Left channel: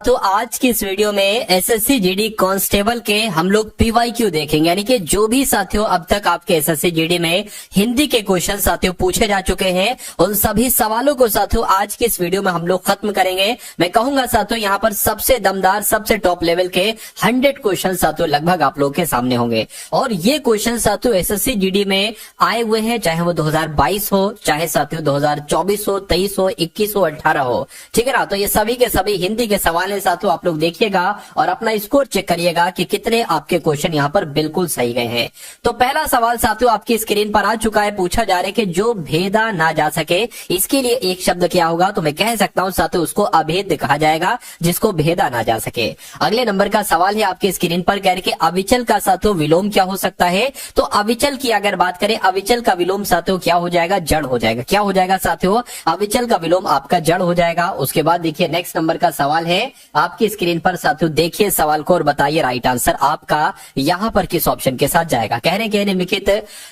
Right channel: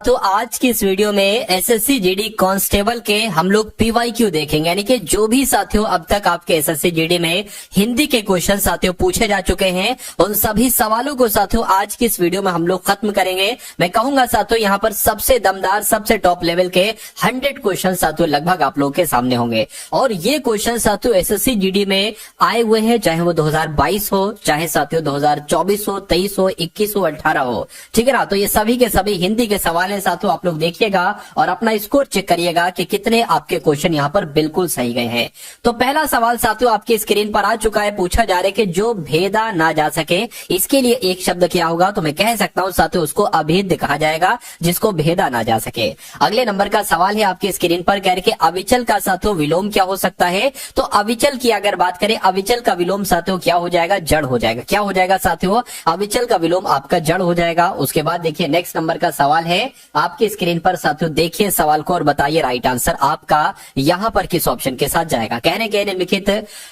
तो आज की इस वीडियो में एसएससी जीडी कांस्टेबल के हम लोग पीवाईक्यू देखेंगे, यानी कि जो भी साथियों अब तक आपके एसएससी जीडी में हिंदी के क्वेश्चन साथियों पूछे जा चुके हैं, उन सभी सवालों को साथियों आज की इस वीडियो में हम लोग खत्म करेंगे। मैं कहूंगा साथियों यहाँ पर सबसे दमदार, सबसे टॉप लेवल के 100 क्वेश्चन साथियों लगभग आप लोग के सामने होंगे। और ये क्वेश्चन साथियों एसएससी जीडी में आए हुए हैं, चाहे वो 2022 हो, चाहे साथियों 2024 हो, 23 हो, 21 हो, 18 हो, ठीक है ना। तो ये सभी के सभी हिंदी के सवाल साथियों आप लोग देखिएगा और अपना स्कोर चेक करिएगा कि कितने आपके क्वेश्चन यहाँ पर बिल्कुल सही गए हैं। तो पहला सवाल साथियों आपकी स्क्रीन पर आ चुका है, पूछा जा रहा है कि जो भेदा ना जा सके इसके लिए एक शब्द क्या होगा। तो मैं कह सकता हूं साथियों उसको अभेद कहा जाएगा, जिसको भेदा ना जा सके। अगले नंबर का सवाल है आपकी स्क्रीन पर, कह रहे कि अविचल का साथियों विलोम क्या हो सकता है। तो अविचल की अगर बात करें, अविचल का विलोम साथियों क्या हो जाएगा, जड़ हो जाएगा। क्या हो जाएगा साथियों, अविचल का विलोम आपका जड़ हो जाएगा। उसके बाद देखिए नेक्स्ट नंबर का सवाल है आपके स्क्रीन पर साथियों, देखिए सवाल को और बताइए राइट आंसर आपका यहां पर किस ऑप्शन के साथ जाएगा। कहने के निम्नलिखित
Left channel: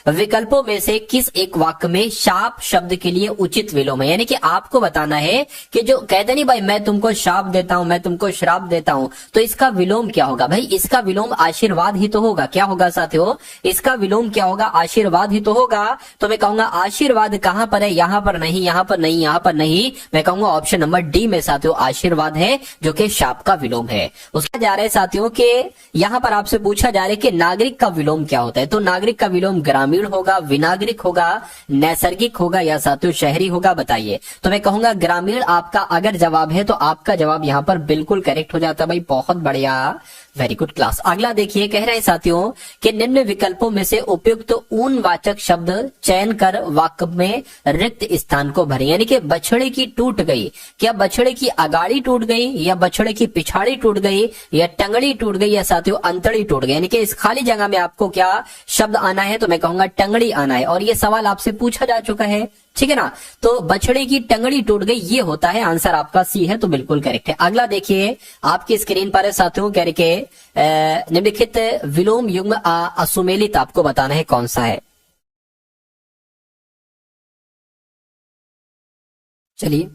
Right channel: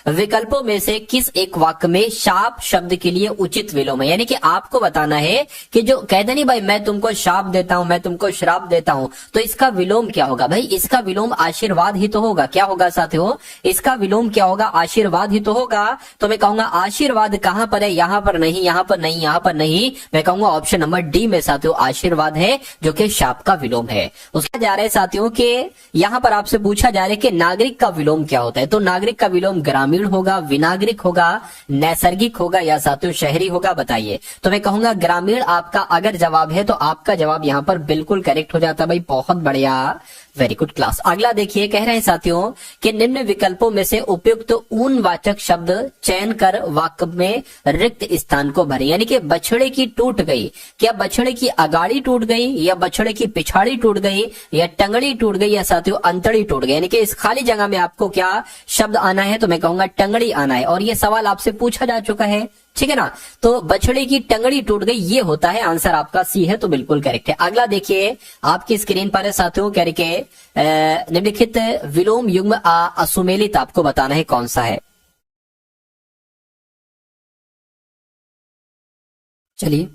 विकल्पों में से किस एक वाक्य में शाप शब्द के लिए उचित विलोम है। यानी कि आपको बताना है कि जो कहते नहीं भाई मैं तुमको शाप देता हूं, मैं तुमको श्राप देता हूं, तो इसका विलोम क्या होगा। भाई इसका विलोम आशीर्वाद ही तो होगा। क्या होगा साथियों, इसका विलोम क्या होगा, आशीर्वाद ही तो होगा। तो मैं कहूंगा आशीर्वाद कहां पर है, यहां पर नहीं, यहां पर नहीं, यहां पर नहीं। मैं कहूंगा ऑप्शन नंबर डी में साथियों आशीर्वाद है, जो कि शाप का विलोम है। उसका जा रहा है साथियों के यहां पर आपसे पूछा जा रहा है कि नागरिक का विलोम क्या होता है। तो नागरिक का विलोम ग्रामीण होगा, विनागरिक होगा, नैसर्गिक होगा या साथियों शहरी होगा, बताइए। तो मैं कहूंगा ग्रामीण आपका अगर जवाब है तो आपका जवाब यहां पर बिल्कुल करेक्ट हो जाता है। भाई बहुत बढ़िया, वेरी गुड क्लास। अगला देखिए, कह रहे हैं साथियों कि निम्न विकल्पों में से उपयुक्त ऊन वाचक शब्द चयन कर वाक्य में रिक्त स्थान को भरे। यानी कि बछड़े की टूट गई, क्या बछड़े की अगाड़ी टूट गई या बछड़े की पिछाड़ी टूट गई या टंगड़ी टूट गई या साथियों अंतड़ी टूट गई। यानी कि इस खाली जगह में आपको क्या शब्द आना है, तो मैं कहूंगा टंगड़ी आना है। और ये सवाल आपसे पूछा जा चुका है, ठीक है ना। तो बछड़े की टंगड़ी टूट गई ये होता है आंसर आपका सी है, तो बिल्कुल करेक्ट है। अगला देखिए आपकी स्क्रीन पर है साथियों, कह रहे निम्नलिखित विलोम युग्म असुमेलित आपको बताना है कौन सा है। चलिए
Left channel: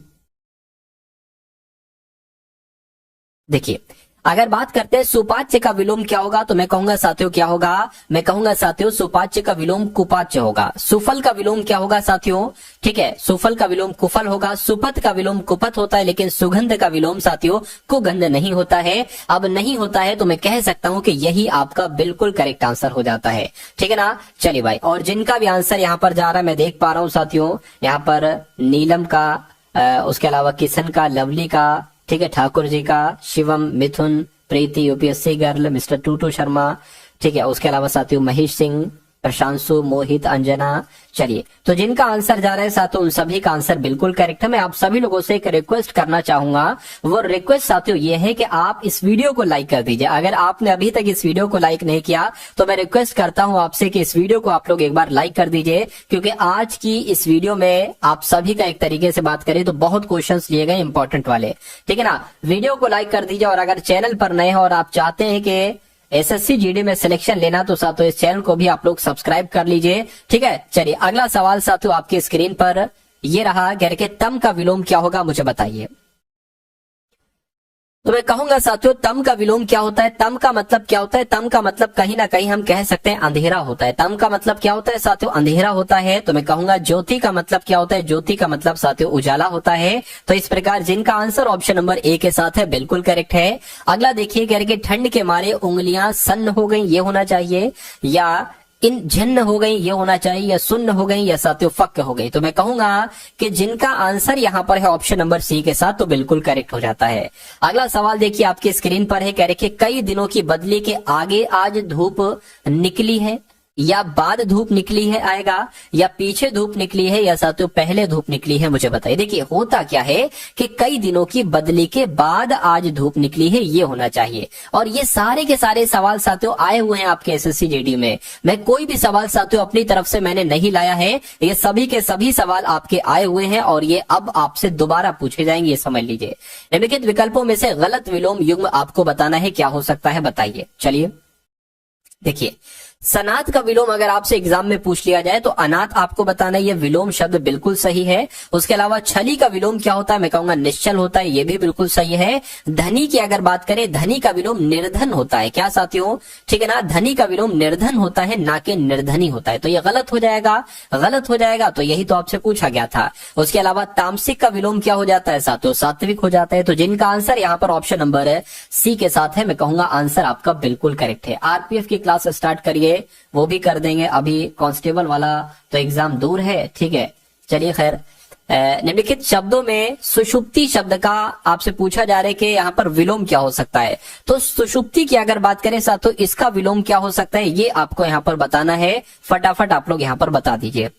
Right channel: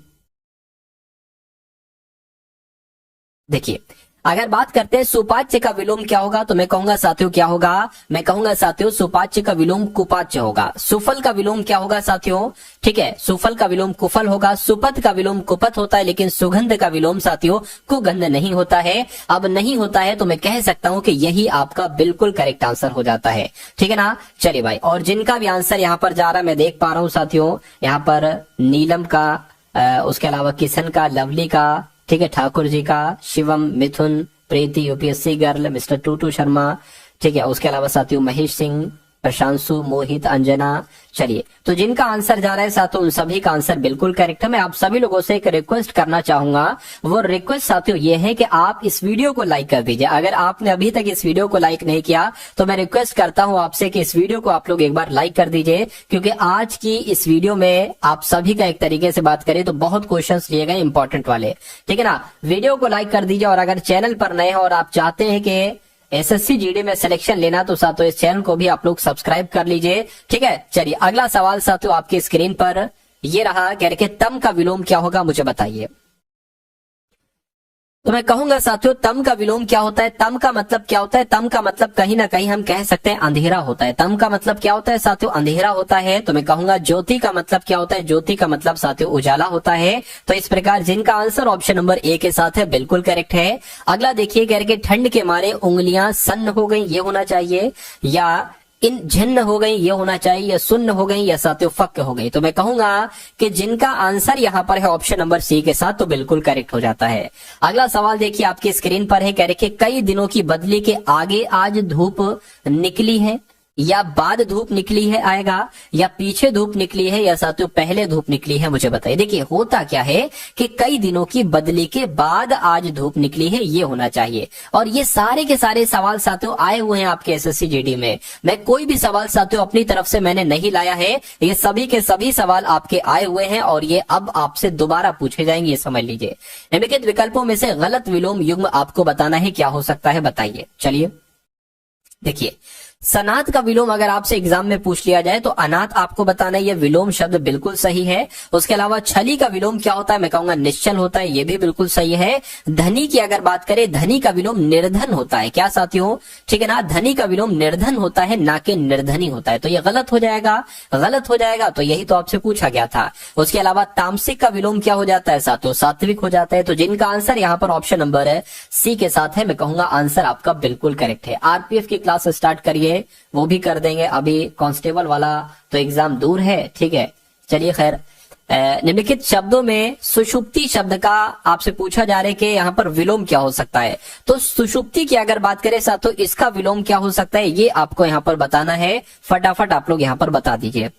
देखिए, अगर बात करते हैं सुपाच्य का विलोम क्या होगा, तो मैं कहूंगा साथियों क्या होगा, मैं कहूंगा साथियों सुपाच्य का विलोम कुपाच्य होगा। सुफल का विलोम क्या होगा साथियों, ठीक है, सुफल का विलोम कुफल होगा। सुपथ का विलोम कुपथ होता है, लेकिन सुगंध का विलोम साथियों कुगंध नहीं होता है। अब नहीं होता है तो मैं कह सकता हूं कि यही आपका बिल्कुल करेक्ट आंसर हो जाता है, ठीक है ना। चलिए भाई, और जिनका भी आंसर यहाँ पर जा रहा है मैं देख पा रहा हूँ साथियों, यहाँ पर नीलम का, उसके अलावा किशन का, लवली का, ठीक है, ठाकुर जी का, शिवम, मिथुन, प्रीति यूपीएससी गर्ल, मिस्टर टूटू शर्मा, ठीक है, उसके अलावा साथियों महेश सिंह, प्रशांशु, मोहित, अंजना। चलिए, तो जिनका आंसर जा रहा है साथियों उन सभी का आंसर बिल्कुल करेक्ट है। मैं आप सभी लोगों से एक रिक्वेस्ट करना चाहूंगा, वो रिक्वेस्ट साथियों ये है कि आप इस वीडियो को लाइक कर दीजिए। अगर आपने अभी तक इस वीडियो को लाइक नहीं किया तो मैं रिक्वेस्ट करता हूं आपसे कि इस वीडियो को आप लोग एक बार लाइक कर दीजिए, क्योंकि आज की इस वीडियो में आप सभी का एक तरीके से बात करें तो बहुत क्वेश्चन लिए गए इंपॉर्टेंट वाले, ठीक है ना। वीडियो को लाइक कर दीजिए, और अगर चैनल पर नए हैं और आप चाहते हैं कि एसएससी जीडी में सिलेक्शन लेना तो साथियों इस चैनल को भी आप लोग सब्सक्राइब कर लीजिए, ठीक है। चलिए अगला सवाल साथियों आपकी स्क्रीन पर ये रहा, कह रहे तम का विलोम क्या होगा मुझे बताइए। तो मैं कहूंगा साथियों तम का विलोम क्या होता है। तम का मतलब क्या होता है, तम का मतलब कहीं ना कहीं हम कह सकते हैं अंधेरा होता है। तम का मतलब क्या होता है साथियों, अंधेरा होता है। तो मैं कहूंगा ज्योति का मतलब क्या होता है, ज्योति का मतलब साथियों उजाला होता है। तो इस प्रकार जिनका आंसर ऑप्शन नंबर ए के साथ है बिल्कुल करेक्ट है। अगला देखिए, कह रहे ठंड के मारे उंगलियां सन्न हो गई ये होना चाहिए, या इन झिन्न हो गई ये होना चाहिए, या सुन्न हो गई, या साथियों फक्क हो गई। तो मैं कहूंगा कि जिनका आंसर यहां पर है ऑप्शन नंबर सी के साथ तो बिल्कुल करेक्ट हो जाता है। अगला सवाल देखिए आपकी स्क्रीन पर है, कह रहे कई दिनों की बदली के आगे आज धूप निकली है, या बाद धूप निकली है आएगा, या पीछे धूप निकली है, या साथियों पहले धूप निकली है, मुझे बताइए। देखिए होता क्या है कि कई दिनों की बदली के बाद आज धूप निकली है ये होना चाहिए। और ये सारे के सारे सवाल साथियों आए हुए हैं आपके एसएससी जीडी में। मैं कोई भी सवाल साथियों अपनी तरफ से मैंने नहीं लाया है, ये सभी के सभी सवाल आपके आए हुए हैं और ये अब आपसे दोबारा पूछे जाएंगे, ये समझ लीजिए। निम्नलिखित विकल्पों में से गलत विलोम युग्म आपको बताना है क्या हो सकता है, बताइए। चलिए देखिए सनात का विलोम अगर आपसे एग्जाम में पूछ लिया जाए तो अनाथ आपको बताना है, ये विलोम शब्द बिल्कुल सही है। उसके अलावा छली का विलोम क्या होता है, मैं कहूंगा निश्चल होता है, ये भी बिल्कुल सही है। धनी की अगर बात करें, धनी का विलोम निर्धन होता है, क्या साथियों, ठीक है ना, धनी का विलोम निर्धन होता है, ना कि निर्धनी होता है, तो ये गलत हो जाएगा, गलत हो जाएगा, तो यही तो आपसे पूछा गया था। उसके अलावा तामसिक का विलोम क्या हो जाता है साथियों, सात्विक हो जाता है। तो जिनका आंसर यहाँ पर ऑप्शन नंबर है सी के साथ है, मैं कहूंगा आंसर आपका बिल्कुल करेक्ट है। आरपीएफ की क्लास स्टार्ट करिए, वो भी कर देंगे, अभी कांस्टेबल वाला तो एग्जाम दूर है, ठीक है। चलिए खैर, निम्नलिखित शब्दों में सुषुप्ति शब्द का आपसे पूछा जा रहा है कि यहाँ पर विलोम क्या हो सकता है। तो सुषुप्ति की अगर बात करें साथ, तो इसका विलोम क्या हो सकता है, ये आपको यहाँ पर बताना है। फटाफट आप लोग यहाँ पर बता दीजिए।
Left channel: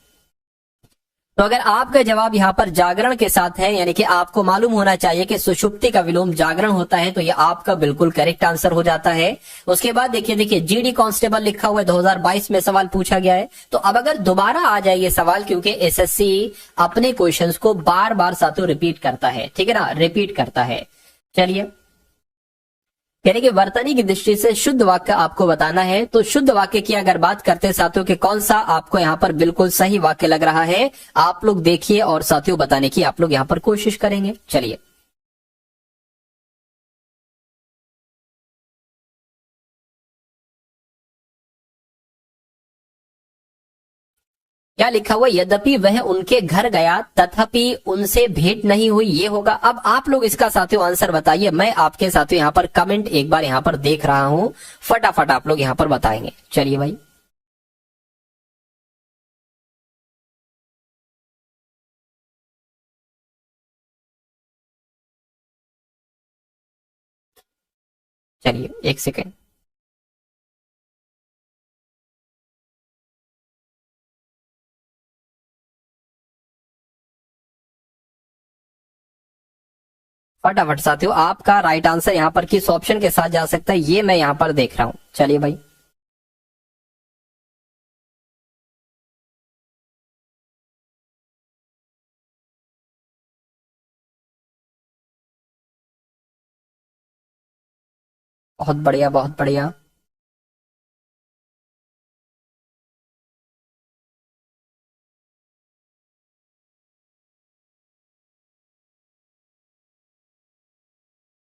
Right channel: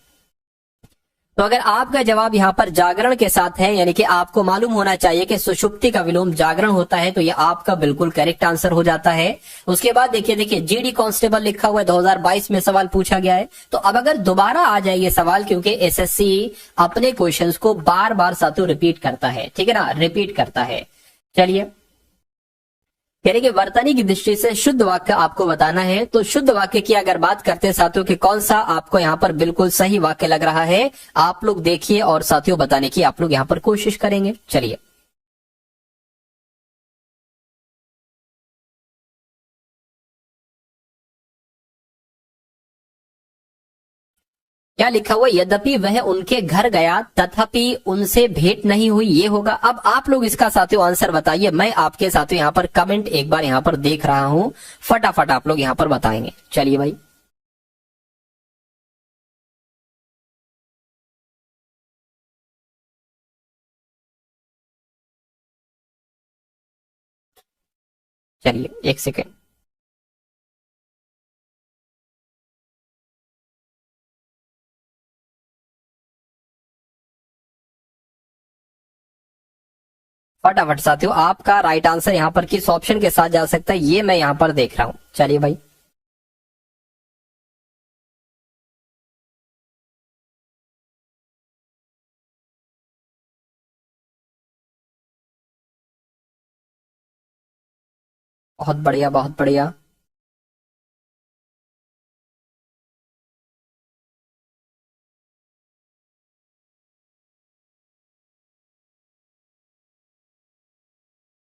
तो अगर आपका जवाब यहाँ पर जागरण के साथ है, यानी कि आपको मालूम होना चाहिए कि सुषुप्ति का विलोम जागरण होता है, तो ये आपका बिल्कुल करेक्ट आंसर हो जाता है। उसके बाद देखिए जीडी कांस्टेबल लिखा हुआ है, 2022 में सवाल पूछा गया है। तो अब अगर दोबारा आ जाए ये सवाल, क्योंकि एसएससी अपने क्वेश्चंस को बार बार साथियों रिपीट करता है, ठीक है ना, रिपीट करता है। चलिए, यानी कि वर्तनी की दृष्टि से शुद्ध वाक्य आपको बताना है। तो शुद्ध वाक्य की अगर बात करते हैं साथियों कि कौन सा आपको यहाँ पर बिल्कुल सही वाक्य लग रहा है, आप लोग देखिए और साथियों बताने की आप लोग यहाँ पर कोशिश करेंगे। चलिए, क्या लिखा हुआ, यद्यपि वह उनके घर गया तथापि उनसे भेंट नहीं हुई, ये होगा। अब आप लोग इसका साथियों आंसर बताइए, मैं आपके साथियों यहाँ पर कमेंट एक बार यहाँ पर देख रहा हूं, फटाफट आप लोग यहाँ पर बताएंगे। चलिए भाई, चलिए एक सेकेंड। फटाफट साथियों, आपका राइट आंसर यहाँ पर किस ऑप्शन के साथ जा सकता है, ये मैं यहाँ पर देख रहा हूँ। चलिए भाई, बहुत बढ़िया, बहुत बढ़िया।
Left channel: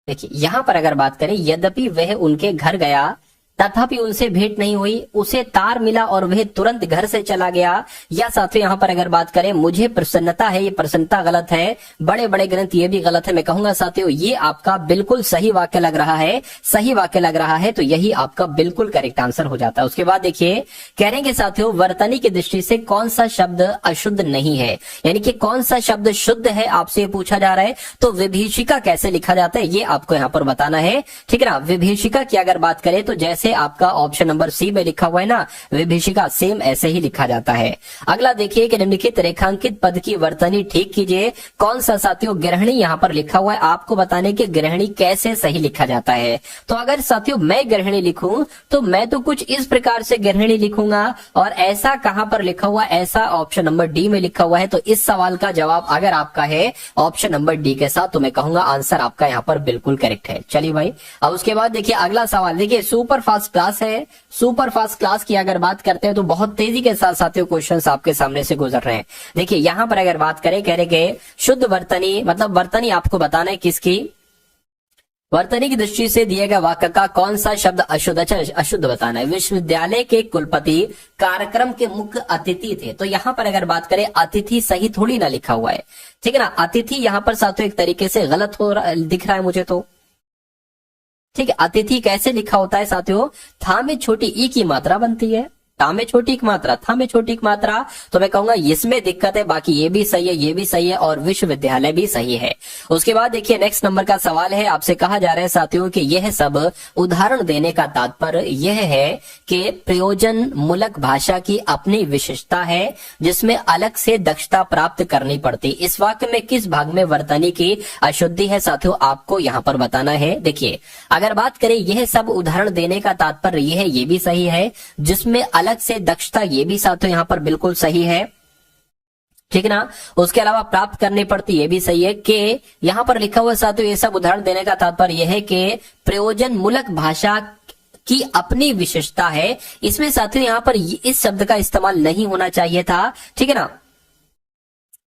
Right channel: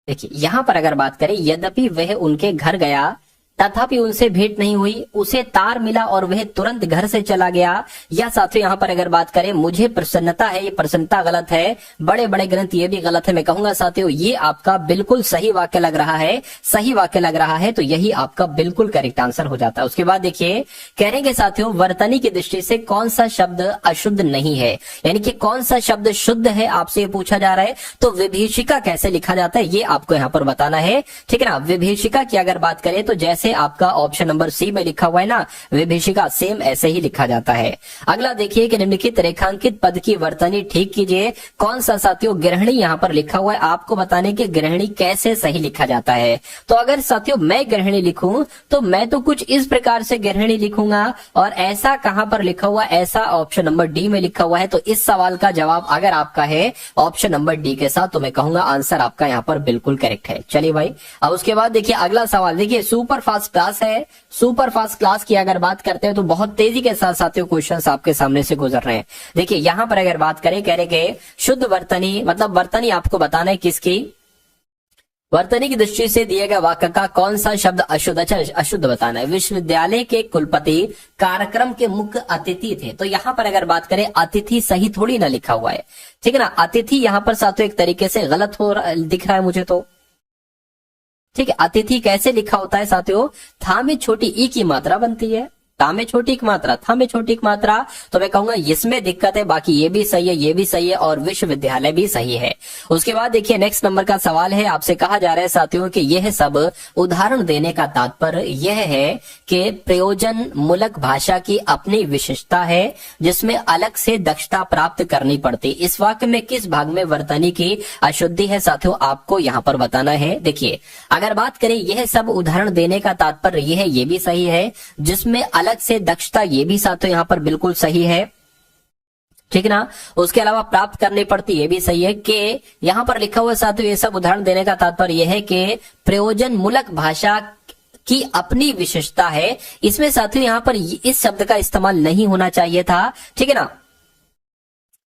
देखिए यहां पर अगर बात करें, यद्यपि वह उनके घर गया तथापि उनसे भेंट नहीं हुई, उसे तार मिला और वह तुरंत घर से चला गया। या साथियों यहाँ पर अगर बात करें, मुझे प्रसन्नता है, ये प्रसन्नता गलत है, बड़े बड़े ग्रंथ ये भी गलत है। मैं कहूंगा साथियों ये आपका बिल्कुल सही वाक्य लग रहा है, सही वाक्य लग रहा है, तो यही आपका बिल्कुल करेक्ट आंसर हो जाता है। उसके बाद देखिए, कहेंगे साथियों वर्तनी की दृष्टि से कौन सा शब्द अशुद्ध नहीं है, यानी कि कौन सा शब्द शुद्ध है, आपसे ये पूछा जा रहा है। तो विभीषिका कैसे लिखा जाता है, ये आपको यहाँ पर बताना है, ठीक है ना। विभीषिका की अगर बात करें तो जैसे आपका ऑप्शन नंबर सी में लिखा हुआ है ना, विभीषिका, सेम ऐसे ही लिखा जाता है। अगला देखिए कि निम्नलिखित रेखांकित पद की वर्तनी ठीक कीजिए। कौन सा साथियों, गृहिणी यहाँ पर लिखा हुआ है, आपको बताने की गृहिणी कैसे सही लिखा जाता है। तो अगर साथियों मैं गृहिणी लिखूं तो मैं तो कुछ इस प्रकार से गृहिणी लिखूंगा, और ऐसा कहां पर लिखा हुआ, ऐसा ऑप्शन नंबर डी में लिखा हुआ है। तो इस सवाल का जवाब अगर आपका है ऑप्शन नंबर डी के साथ, तो मैं कहूंगा आंसर आपका यहाँ पर बिल्कुल करेक्ट है। चलिए भाई, अब उसके बाद देखिए अगला सवाल, देखिए सुपर फास्ट क्लास है। सुपर फास्ट क्लास की अगर बात करते हैं तो बहुत तेजी के साथ साथियों क्वेश्चंस आपके सामने से गुजर रहे हैं। देखिए यहां पर अगर बात करें, कह रहे कि शुद्ध वर्तनी, मतलब वर्तनी आपको बताना है किसकी, वर्तनी की दृष्टि से दिए गए वाक्य का कौन सा शब्द अशुद्ध, अच्छा अशुद्ध बताना है। विश्वविद्यालय के कुलपति कार्यक्रम के मुख्य अतिथि थे। तो यहाँ पर अगर बात करें, अतिथि सही थोड़ी ना लिखा हुआ है, ठीक है ना। अतिथि यहाँ पर साथियों एक तरीके से गलत हो दिख रहा है मुझे तो, ठीक है। अतिथि कैसे लिखा होता है साथियों, था में छोटी ई की मात्रा बनती है, ता में छोटी एक मात्रा, था में छोटी एक मात्रा, तो मैं कहूंगा इसमें दिक्कत है। बाकी ये भी सही है, ये भी सही है, और विश्वविद्यालय भी सही है। उसके बाद देखिए नेक्स्ट नंबर का सवाल है, आपसे कहा जा रहा है साथियों कि यह सब उदाहरण देने का तात्पर्य यह है कि प्रयोजन मूलक भाषा की अपनी विशेषता है जिसमें अलग से दक्षता प्राप्त करनी पड़ती। इस वाक्य में किस भाग में वर्तनी की अशुद्धि है साथियों, आपको यहाँ पर बताना है। देखिए अगर बात करें, यह सब उदाहरण देने का तात्पर्य यह है, ये भी सही है, जिसमें अलग से दक्षता, ये भी साथियों यहाँ पर बिल्कुल सही है, ठीक है ना। उसके अलावा प्राप्त करनी पड़ती, ये भी सही है। कि यहाँ पर लिखा हुआ साथियों ये सब उदाहरण देने का तात्पर्य यह है कि प्रयोजन मूलक भाषा की अपनी विशेषता है। इसमें साथियों यहाँ पर इस शब्द का इस्तेमाल नहीं होना चाहिए था, ठीक है ना,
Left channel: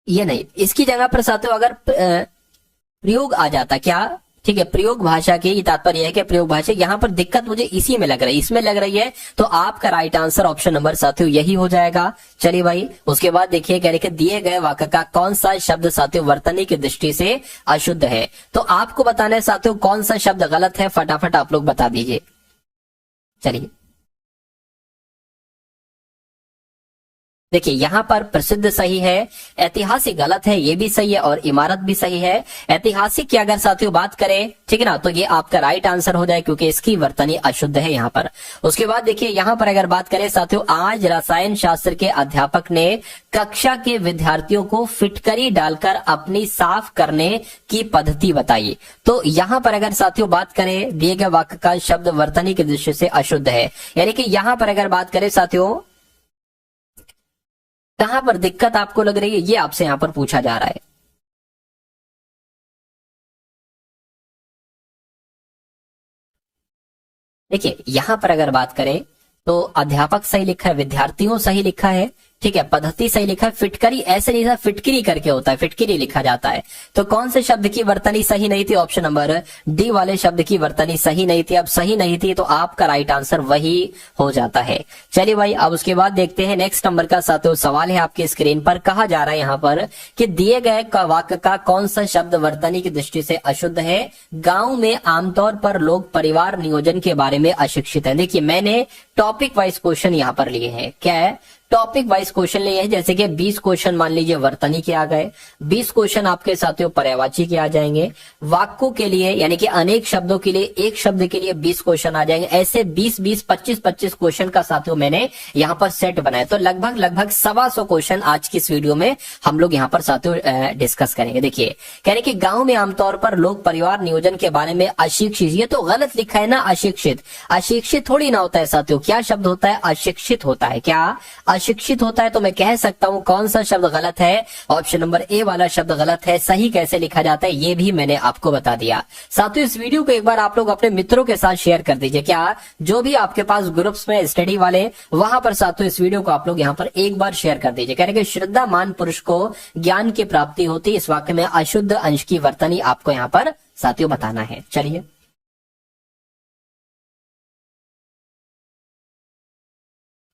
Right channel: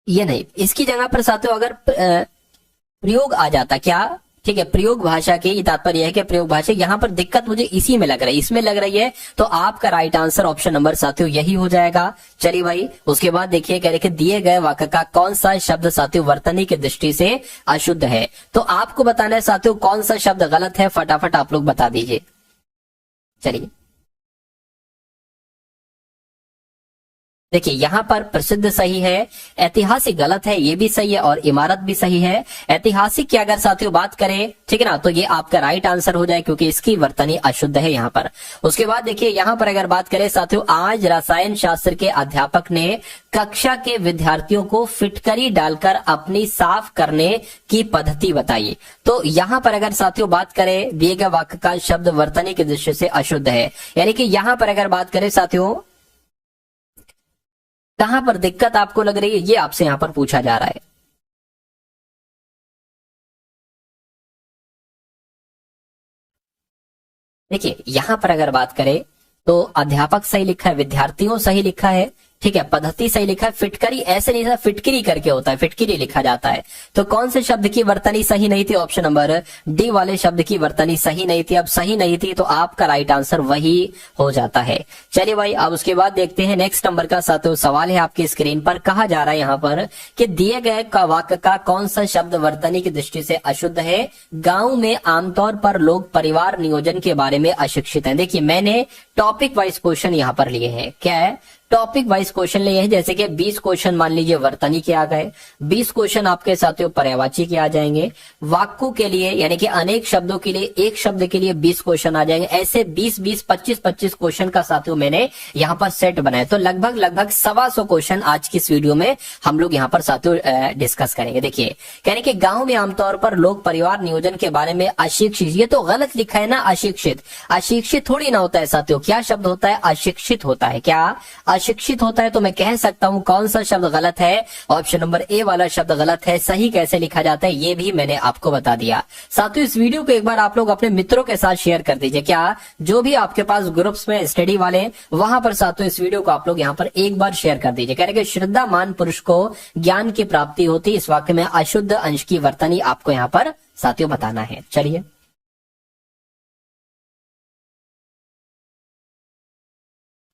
ये नहीं, इसकी जगह पर साथियों अगर प्रयोग आ जाता, क्या, ठीक है, प्रयोग भाषा के, ये तात्पर्य है कि प्रयोग भाषा, यहाँ पर दिक्कत मुझे इसी में लग रही है, इसमें लग रही है, तो आपका राइट आंसर ऑप्शन नंबर साथियों यही हो जाएगा। चलिए भाई, उसके बाद देखिए कह रहे कि दिए गए वाक्य का कौन सा शब्द साथियों वर्तनी की दृष्टि से अशुद्ध है। तो आपको बताना है साथियों कौन सा शब्द गलत है, फटाफट आप लोग बता दीजिए। चलिए देखिए, यहाँ पर प्रसिद्ध सही है, ऐतिहासिक गलत है, ये भी सही है, और इमारत भी सही है। ऐतिहासिक की अगर साथियों बात करें, ठीक है ना, तो ये आपका राइट आंसर हो जाए क्योंकि इसकी वर्तनी अशुद्ध है यहाँ पर। उसके बाद देखिए यहाँ पर अगर बात करें साथियों, आज रसायन शास्त्र के अध्यापक ने कक्षा के विद्यार्थियों को फिटकरी डालकर अपनी साफ करने की पद्धति बताई। तो यहाँ पर अगर साथियों बात करें, दिए गए वाक्य का शब्द वर्तनी के दृष्टि से अशुद्ध है, यानी कि यहाँ पर अगर बात करें साथियों कहां पर दिक्कत आपको लग रही है, ये आपसे यहां पर पूछा जा रहा है। देखिए यहां पर अगर बात करें तो अध्यापक सही लिखा है, विद्यार्थियों सही लिखा है, ठीक है, पद्धति सही लिखा है, फिटकरी ऐसे नहीं था, फिटकरी करके होता है, फिटकरी लिखा जाता है। तो कौन से शब्द की वर्तनी सही नहीं थी, ऑप्शन नंबर डी वाले शब्द की वर्तनी सही नहीं थी। अब सही नहीं थी तो आपका राइट आंसर वही हो जाता है। चलिए भाई, अब उसके बाद देखते हैं नेक्स्ट नंबर का साथियों सवाल है आपकी स्क्रीन पर। कहा जा रहा है यहाँ पर कि दिए गए वाक्य का कौन सा शब्द वर्तनी की दृष्टि से अशुद्ध है। गांव में आमतौर पर लोग परिवार नियोजन के बारे में अशिक्षित है। देखिए मैंने टॉपिक वाइज क्वेश्चन यहाँ पर लिए हैं, क्या है, टॉपिक वाइज क्वेश्चन लिए हैं, जैसे कि 20 क्वेश्चन मान लीजिए वर्तनी के आ गए, 20 क्वेश्चन आपके साथियों पर्यायवाची के आ जाएंगे, वाक्यों के लिए यानी कि अनेक शब्दों के लिए एक शब्द के लिए 20 क्वेश्चन आ जाएंगे। ऐसे 20-20, 25-25 क्वेश्चन का साथियों मैंने यहाँ पर सेट बनाया। तो लगभग 125 क्वेश्चन आज की इस वीडियो में हम लोग यहाँ पर साथियों डिस्कस करेंगे। देखिए कह रहे कि गाँव में आमतौर पर लोग परिवार नियोजन के बारे में अशिक्षित, ये तो गलत लिखा है ना, अशिक्षित, अशिक्षित थोड़ी ना होता है साथियों, क्या शब्द होता है, अशिक्षित होता है, क्या अशिक्षित होता है। तो मैं कह सकता हूं कौन सा शब्द गलत है, ऑप्शन नंबर ए वाला शब्द गलत है। सही कैसे लिखा जाता है ये भी मैंने आपको बता दिया। साथियों इस वीडियो को एक बार आप लोग अपने मित्रों के साथ शेयर कर दीजिए, क्या जो भी आपके पास ग्रुप्स में स्टडी वाले, वहां पर साथियों इस वीडियो को आप लोग यहाँ पर एक बार शेयर कर दीजिए। कह रहे श्रद्धामान पुरुष को ज्ञान की प्राप्ति होती, इस वाक्य में अशुद्ध अंश की वर्तनी आपको यहाँ पर साथियों बताना है। चलिए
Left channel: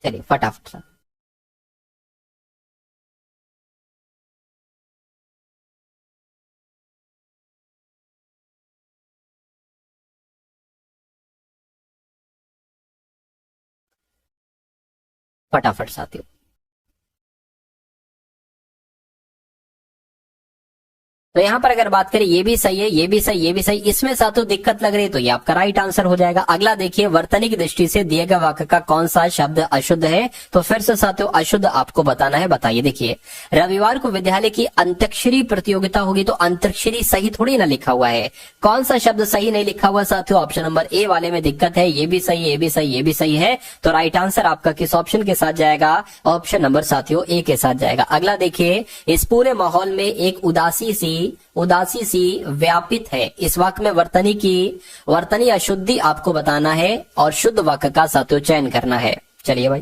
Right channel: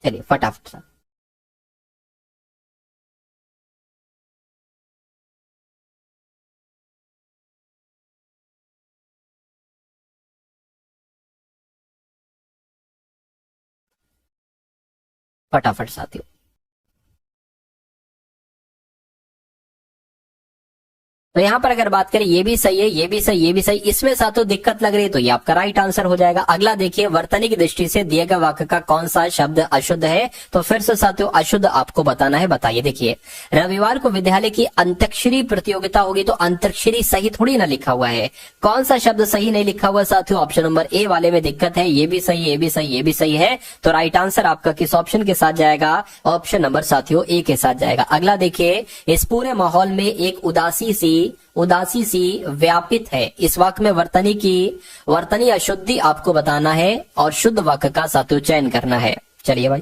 फटाफट फटाफट साथियों। तो यहाँ पर अगर बात करें ये भी सही है, ये भी सही, ये भी सही, इसमें साथियों दिक्कत लग रही है तो ये आपका राइट आंसर हो जाएगा। अगला देखिए, वर्तनी की दृष्टि से दिए गए वाक्य का कौन सा शब्द अशुद्ध है। तो फिर से साथियों अशुद्ध आपको बताना है, बताइए। देखिए रविवार को विद्यालय की अंतक्षरी प्रतियोगिता होगी, तो अंतक्षरी सही थोड़ी ना लिखा हुआ है। कौन सा शब्द सही नहीं लिखा हुआ साथियों, ऑप्शन नंबर ए वाले में दिक्कत है। ये भी सही, ये भी सही, ये भी सही है। तो राइट आंसर आपका किस ऑप्शन के साथ जाएगा, ऑप्शन नंबर साथियों ए के साथ जाएगा। अगला देखिए, इस पूरे माहौल में एक उदासी सी व्यापित है। इस वाक्य में वर्तनी अशुद्धि आपको बताना है और शुद्ध वाक्य का साथियों चयन करना है। चलिए भाई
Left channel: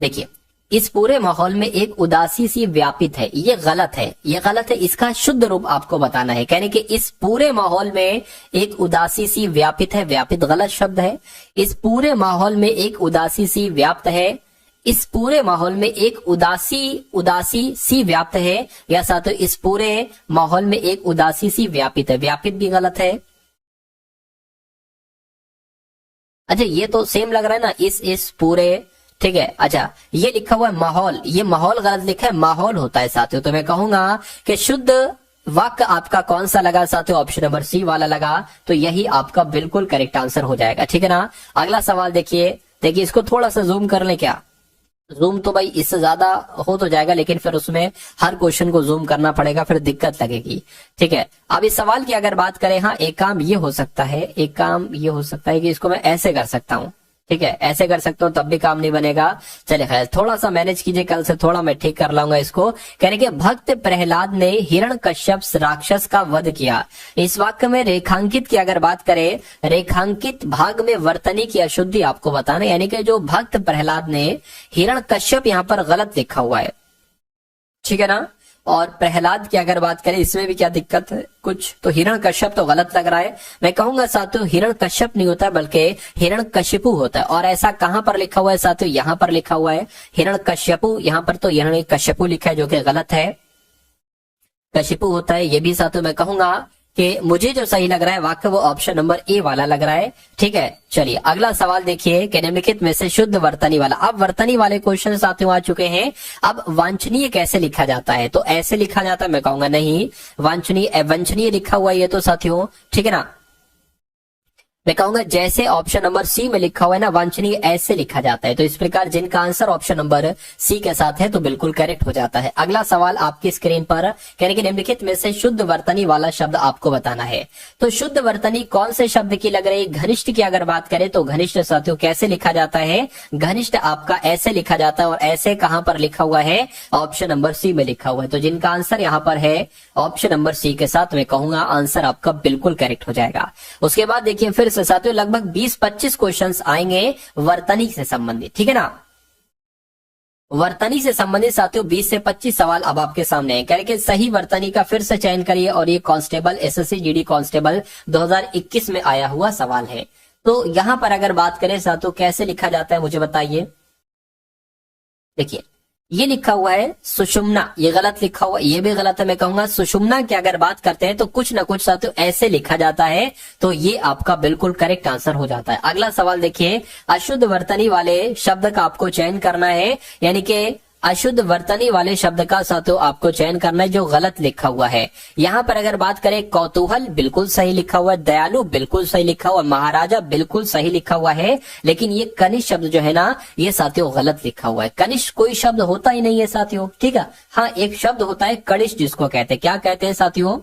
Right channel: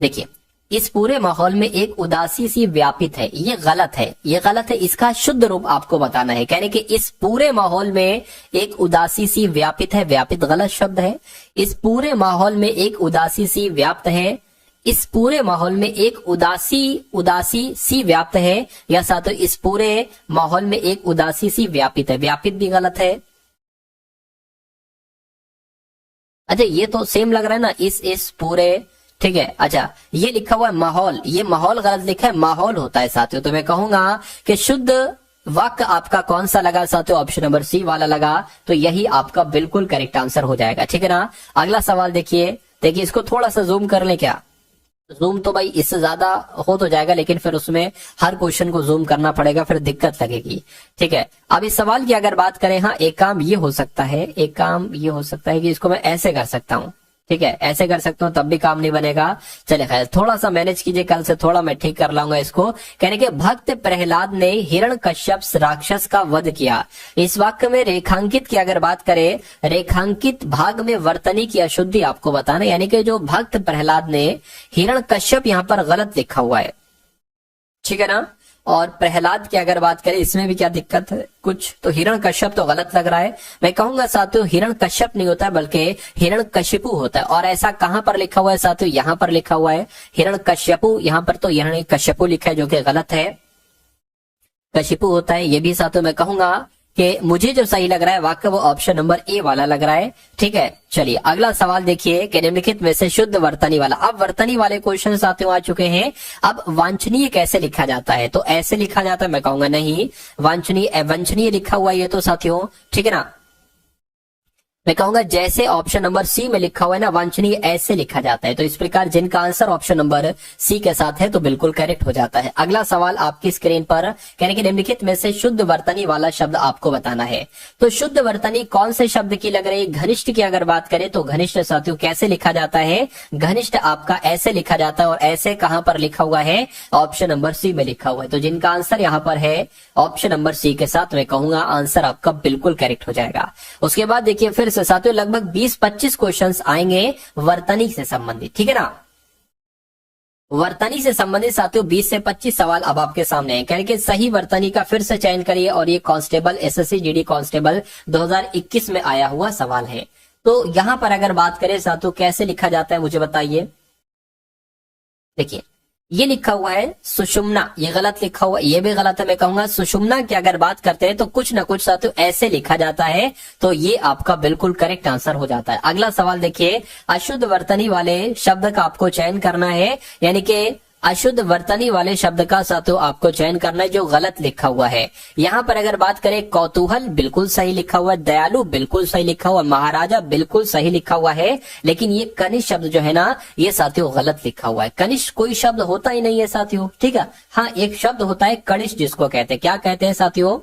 देखिए, इस पूरे माहौल में एक उदासी सी व्यापित है, ये गलत है, ये गलत है। इसका शुद्ध रूप आपको बताना है। कहने कि इस पूरे माहौल में एक उदासी सी व्यापित है, व्यापित गलत शब्द है। इस पूरे माहौल में एक उदासी सी व्याप्त है, इस पूरे माहौल में एक उदासी सी व्याप्त है, या साथियों इस पूरे माहौल में एक उदासी सी व्यापित है, व्यापित भी गलत है। अच्छा ये तो सेम लग रहा है ना, इस पूरे, ठीक है। अच्छा ये लिखा हुआ है माहौल, ये माहौल गलत लिखा है, माहौल होता है साथियों। तो मैं कहूंगा कि शुद्ध वाक्य आपका कौन सा लगा साथियों, ऑप्शन नंबर सी वाला लगा। तो यही आपका बिल्कुल करेक्ट आंसर हो जाएगा, ठीक है ना। अगला सवाल देखिए, इसको थोड़ा सा जूम कर ले, क्या जूम तो भाई इससे ज्यादा हो तो जाएगा, लेकिन फिर उसमें हर क्वेश्चन को जूम करना पड़ेगा, फिर दिक्कत लगेगी, ठीक है। अब इस सवाल की अगर बात करें, हाँ एक काम ये हो सकता है, कि इसको मैं ऐसे कर सकता हूं, ठीक है, ऐसे कर सकते हो तब भी काम नहीं बनेगा। चले खैर, थोड़ा सा मैनेज कीजिए, कल से थोड़ा मैं ठीक कर लाऊंगा इसको। कहने के भक्त प्रहलाद ने हिरण्यकश्यप राक्षस का वध किया। इस वाक्य में रेखांकित की अगर बात करें, रेखांकित भाग में वर्तनी की अशुद्धि आपको बताना, यानी कि जो भक्त प्रहलाद ने हिरण्यकश्यप यहाँ पर गलत लिखा हुआ है, ठीक है ना। और प्रहलाद की अगर बात करें, इसमें भी क्या दिक्कत है कुछ, तो हिरण्यकश्यप तो गलत लग रहा है। मैं कहूंगा साथियों हिरण्यकश्यप नहीं होता बल्कि हिरण्यकशिपु होता है। और ऐसा कहां पर लिखा हुआ है साथियों, यहाँ पर लिखा हुआ है हिरण्यकश्यपु, यहाँ पर तो हिरण्यकश्यपु लिखा है जो कि गलत है, कशिपु होता है। ये भी साथियों मैं कहूंगा कि मुझे जो सही लग रहा है वाक्य वो ऑप्शन नंबर ए वाला लग रहा है, ठीक है। चलिए अगला सवाल देखिए कि निम्नलिखित में से शुद्ध वर्तनी वाला। अब वर्तनी वाले क्वेश्चन साथियों आ चुके हैं। अब वांछनीय कैसे लिखा जाता है, तो ऐसे लिखा जाता है, मैं कहूंगा नहीं, वांछनीय वंचनीय लिखा हुआ है ये तो साथियों, ठीक है ना। मैं कहूंगा जैसे ऑप्शन नंबर सी में लिखा हुआ है ना, वांछनीय ऐसे लिखा जाता है। तो इस प्रकार जिनका आंसर ऑप्शन नंबर सी के साथ है तो बिल्कुल करेक्ट हो जाता है। अगला सवाल आपकी स्क्रीन पर, कहने के निम्नलिखित में से शुद्ध वर्तनी वाला शब्द आपको बताना है। तो शुद्ध वर्तनी कौन से शब्द की लग रही है, घनिष्ठ की अगर बात करें तो घनिष्ठ साथियों कैसे लिखा जाता है, घनिष्ठ आपका ऐसे लिखा जाता है। और ऐसे कहां पर लिखा हुआ है, ऑप्शन नंबर सी में लिखा हुआ है। तो जिनका आंसर यहाँ पर है ऑप्शन नंबर सी के साथ, मैं कहूंगा आंसर आपका बिल्कुल करेक्ट हो जाएगा। उसके बाद देखिए फिर से साथियों लगभग 20-25 क्वेश्चंस आएंगे वर्तनी से संबंधित, ठीक है ना। वर्तनी से संबंधित साथियों 20 से 25 सवाल अब आपके सामने हैं। कह के सही वर्तनी का फिर से चयन करिए, और ये कांस्टेबल एसएससी जीडी कांस्टेबल 2021 में आया हुआ सवाल है। तो यहां पर अगर बात करें साथियों कैसे लिखा जाता है मुझे बताइए। देखिए ये लिखा हुआ है सुषुम्ना, ये गलत लिखा हुआ, ये भी गलत है। मैं कहूंगा सुषुम्ना की अगर बात करते हैं तो कुछ ना कुछ साथियों ऐसे लिखा जाता है, तो ये आपका बिल्कुल करेक्ट आंसर हो जाता है। अगला सवाल देखिए, अशुद्ध वर्तनी वाले शब्द का आपको चयन करना है, यानी कि अशुद्ध वर्तनी वाले शब्द का साथियों आपको चयन करना है जो गलत लिखा हुआ है। यहाँ पर अगर बात करें कौतूहल बिल्कुल सही लिखा हुआ है, दयालु बिल्कुल सही लिखा हुआ है, महाराजा बिल्कुल सही लिखा हुआ है। लेकिन ये कनिष्ठ शब्द जो है ना ये साथियों गलत लिखा हुआ है। कनिष्ठ कोई शब्द होता ही नहीं है साथियों, ठीक है। हाँ एक शब्द होता है कनिष्ठ, जिसको कहते हैं, क्या कहते हैं साथियों,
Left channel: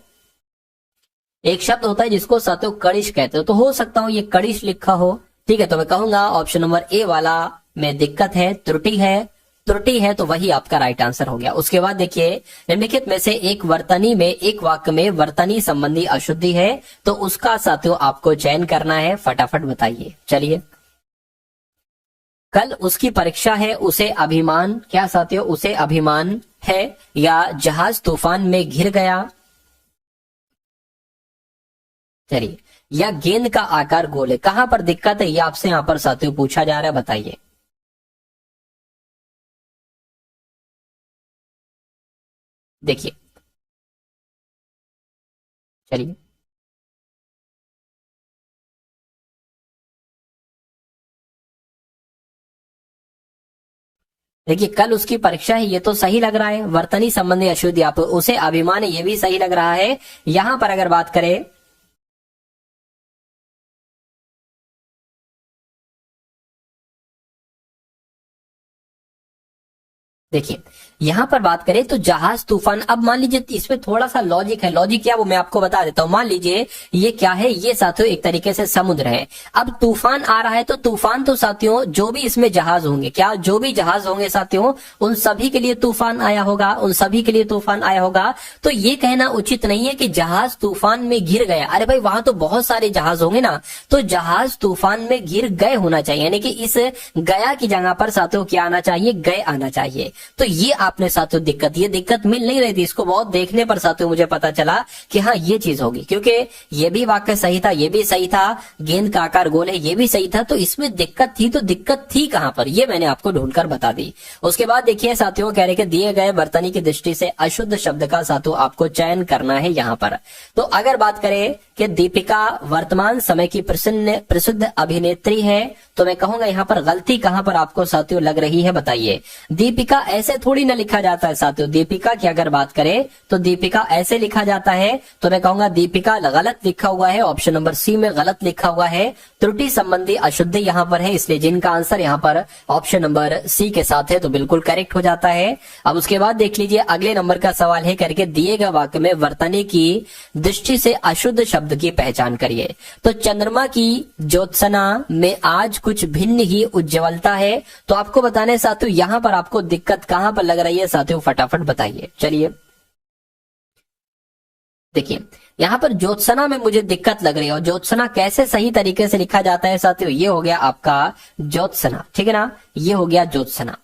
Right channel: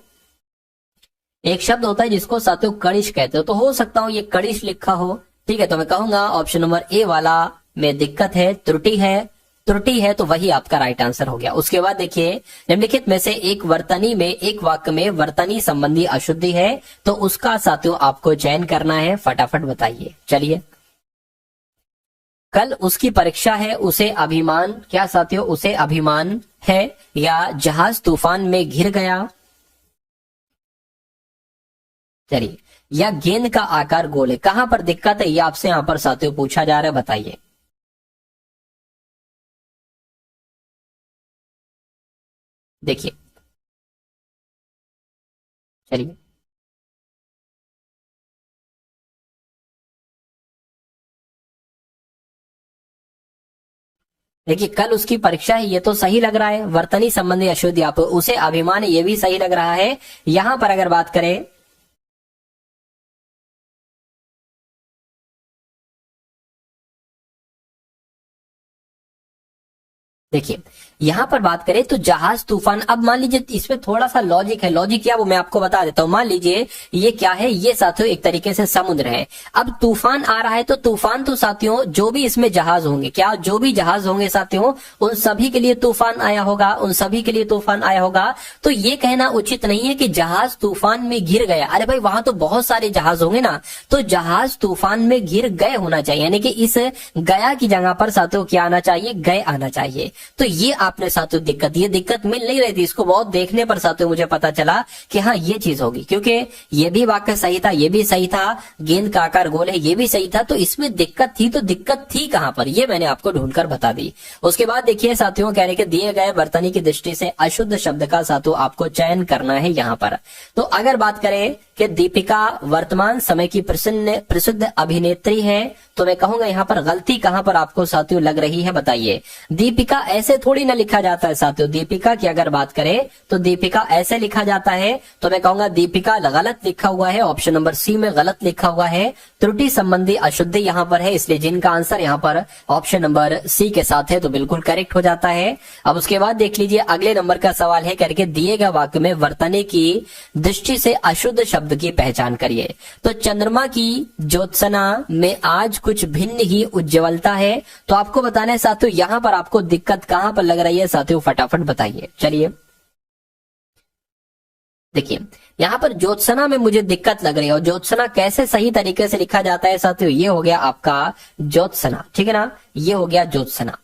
एक शब्द होता है जिसको साथियों कनिष्ठ कहते हो। तो हो सकता हो ये कनिष्ठ लिखा हो, ठीक है। तो मैं कहूंगा ऑप्शन नंबर ए वाला में दिक्कत है, त्रुटि है, तो वही आपका राइट आंसर हो गया। उसके बाद देखिए निम्नलिखित में से एक वर्तनी में, एक वाक्य में वर्तनी संबंधी अशुद्धि है, तो उसका साथियों आपको चयन करना है, फटाफट बताइए। चलिए, कल उसकी परीक्षा है, उसे अभिमान, क्या साथियों उसे अभिमान है, या जहाज तूफान में घिर गया, चलिए, या गेंद का आकार गोल है। कहां पर दिक्कत है ये आपसे यहां पर साथियों पूछा जा रहा है, बताइए। देखिए चलिए देखिए कल उसकी परीक्षा है, ये तो सही लग रहा है। वर्तनी संबंधी अशुद्धि आप उसे अभिमान है, ये भी सही लग रहा है। यहां पर अगर बात करें देखिए यहां पर बात करें तो जहाज तूफान, अब मान लीजिए इसमें थोड़ा सा लॉजिक है। लॉजिक क्या वो मैं आपको बता देता हूं। मान लीजिए ये क्या है, ये साथियों एक तरीके से समुद्र है। अब तूफान आ रहा है तो तूफान तो साथियों जो भी इसमें जहाज होंगे, क्या जो भी जहाज होंगे साथियों उन सभी के लिए तूफान आया होगा, उन सभी के लिए तूफान आया होगा। तो ये कहना उचित नहीं है कि जहाज तूफान में घिर गया। अरे भाई वहां तो बहुत सारे जहाज होंगे ना, तो जहाज तूफान में घिर गए होना चाहिए, यानी कि इस गया की जगह पर साथियों क्या आना चाहिए, गए आना चाहिए। तो ये आपने साथियों ये दिक्कत मिल नहीं रही थी। इसको बहुत देखने पर साथियों मुझे पता चला कि हाँ ये चीज होगी, क्योंकि ये भी वाक्य सही था, ये भी सही था, गेंद का आकार गोल है ये भी सही था। तो इसमें दिक्कत थी, तो दिक्कत थी कहां पर, ये मैंने आपको ढूंढकर बता दी। उसके बाद देखिए साथियों कह रहे कि दिए गए वर्तनी की दृष्टि से अशुद्ध शब्द का साथियों आपको चयन करना है यहाँ पर। तो अगर बात करें कि दीपिका वर्तमान समय की प्रसिद्ध अभिनेत्री है, तो मैं कहूंगा यहाँ पर गलती कहां पर आपको साथियों लग रही है, बताइए। दीपिका ऐसे थोड़ी ना लिखा जाता है साथियों? दीपिका की अगर बात करें तो दीपिका ऐसे लिखा जाता है, तो मैं कहूंगा दीपिका गलत लिखा हुआ है, ऑप्शन नंबर सी में गलत लिखा हुआ है, त्रुटि संबंधी अशुद्धि यहाँ पर है, इसलिए जिनका आंसर यहाँ पर ऑप्शन नंबर सी के साथ है तो बिल्कुल करेक्ट हो जाता है। अब उसके बाद देख लीजिए अगले नंबर का सवाल है करके दिए गए वाक्य में वर्तनी की दृष्टि से अशुद्ध शब्द की पहचान करिए। तो चंद्रमा की ज्योत्सना में आज कुछ भिन्न ही उज्ज्वलता है, तो आपको बताना है साथियों यहां पर आपको दिक्कत कहां पर लग रही है साथियों, फटाफट बताइए। चलिए देखिए यहां पर ज्योत्सना में मुझे दिक्कत लग रही है, और ज्योत्सना कैसे सही तरीके से लिखा जाता है साथियों? ये हो गया आपका ज्योत्सना, ठीक है ना, ये हो गया ज्योत्सना।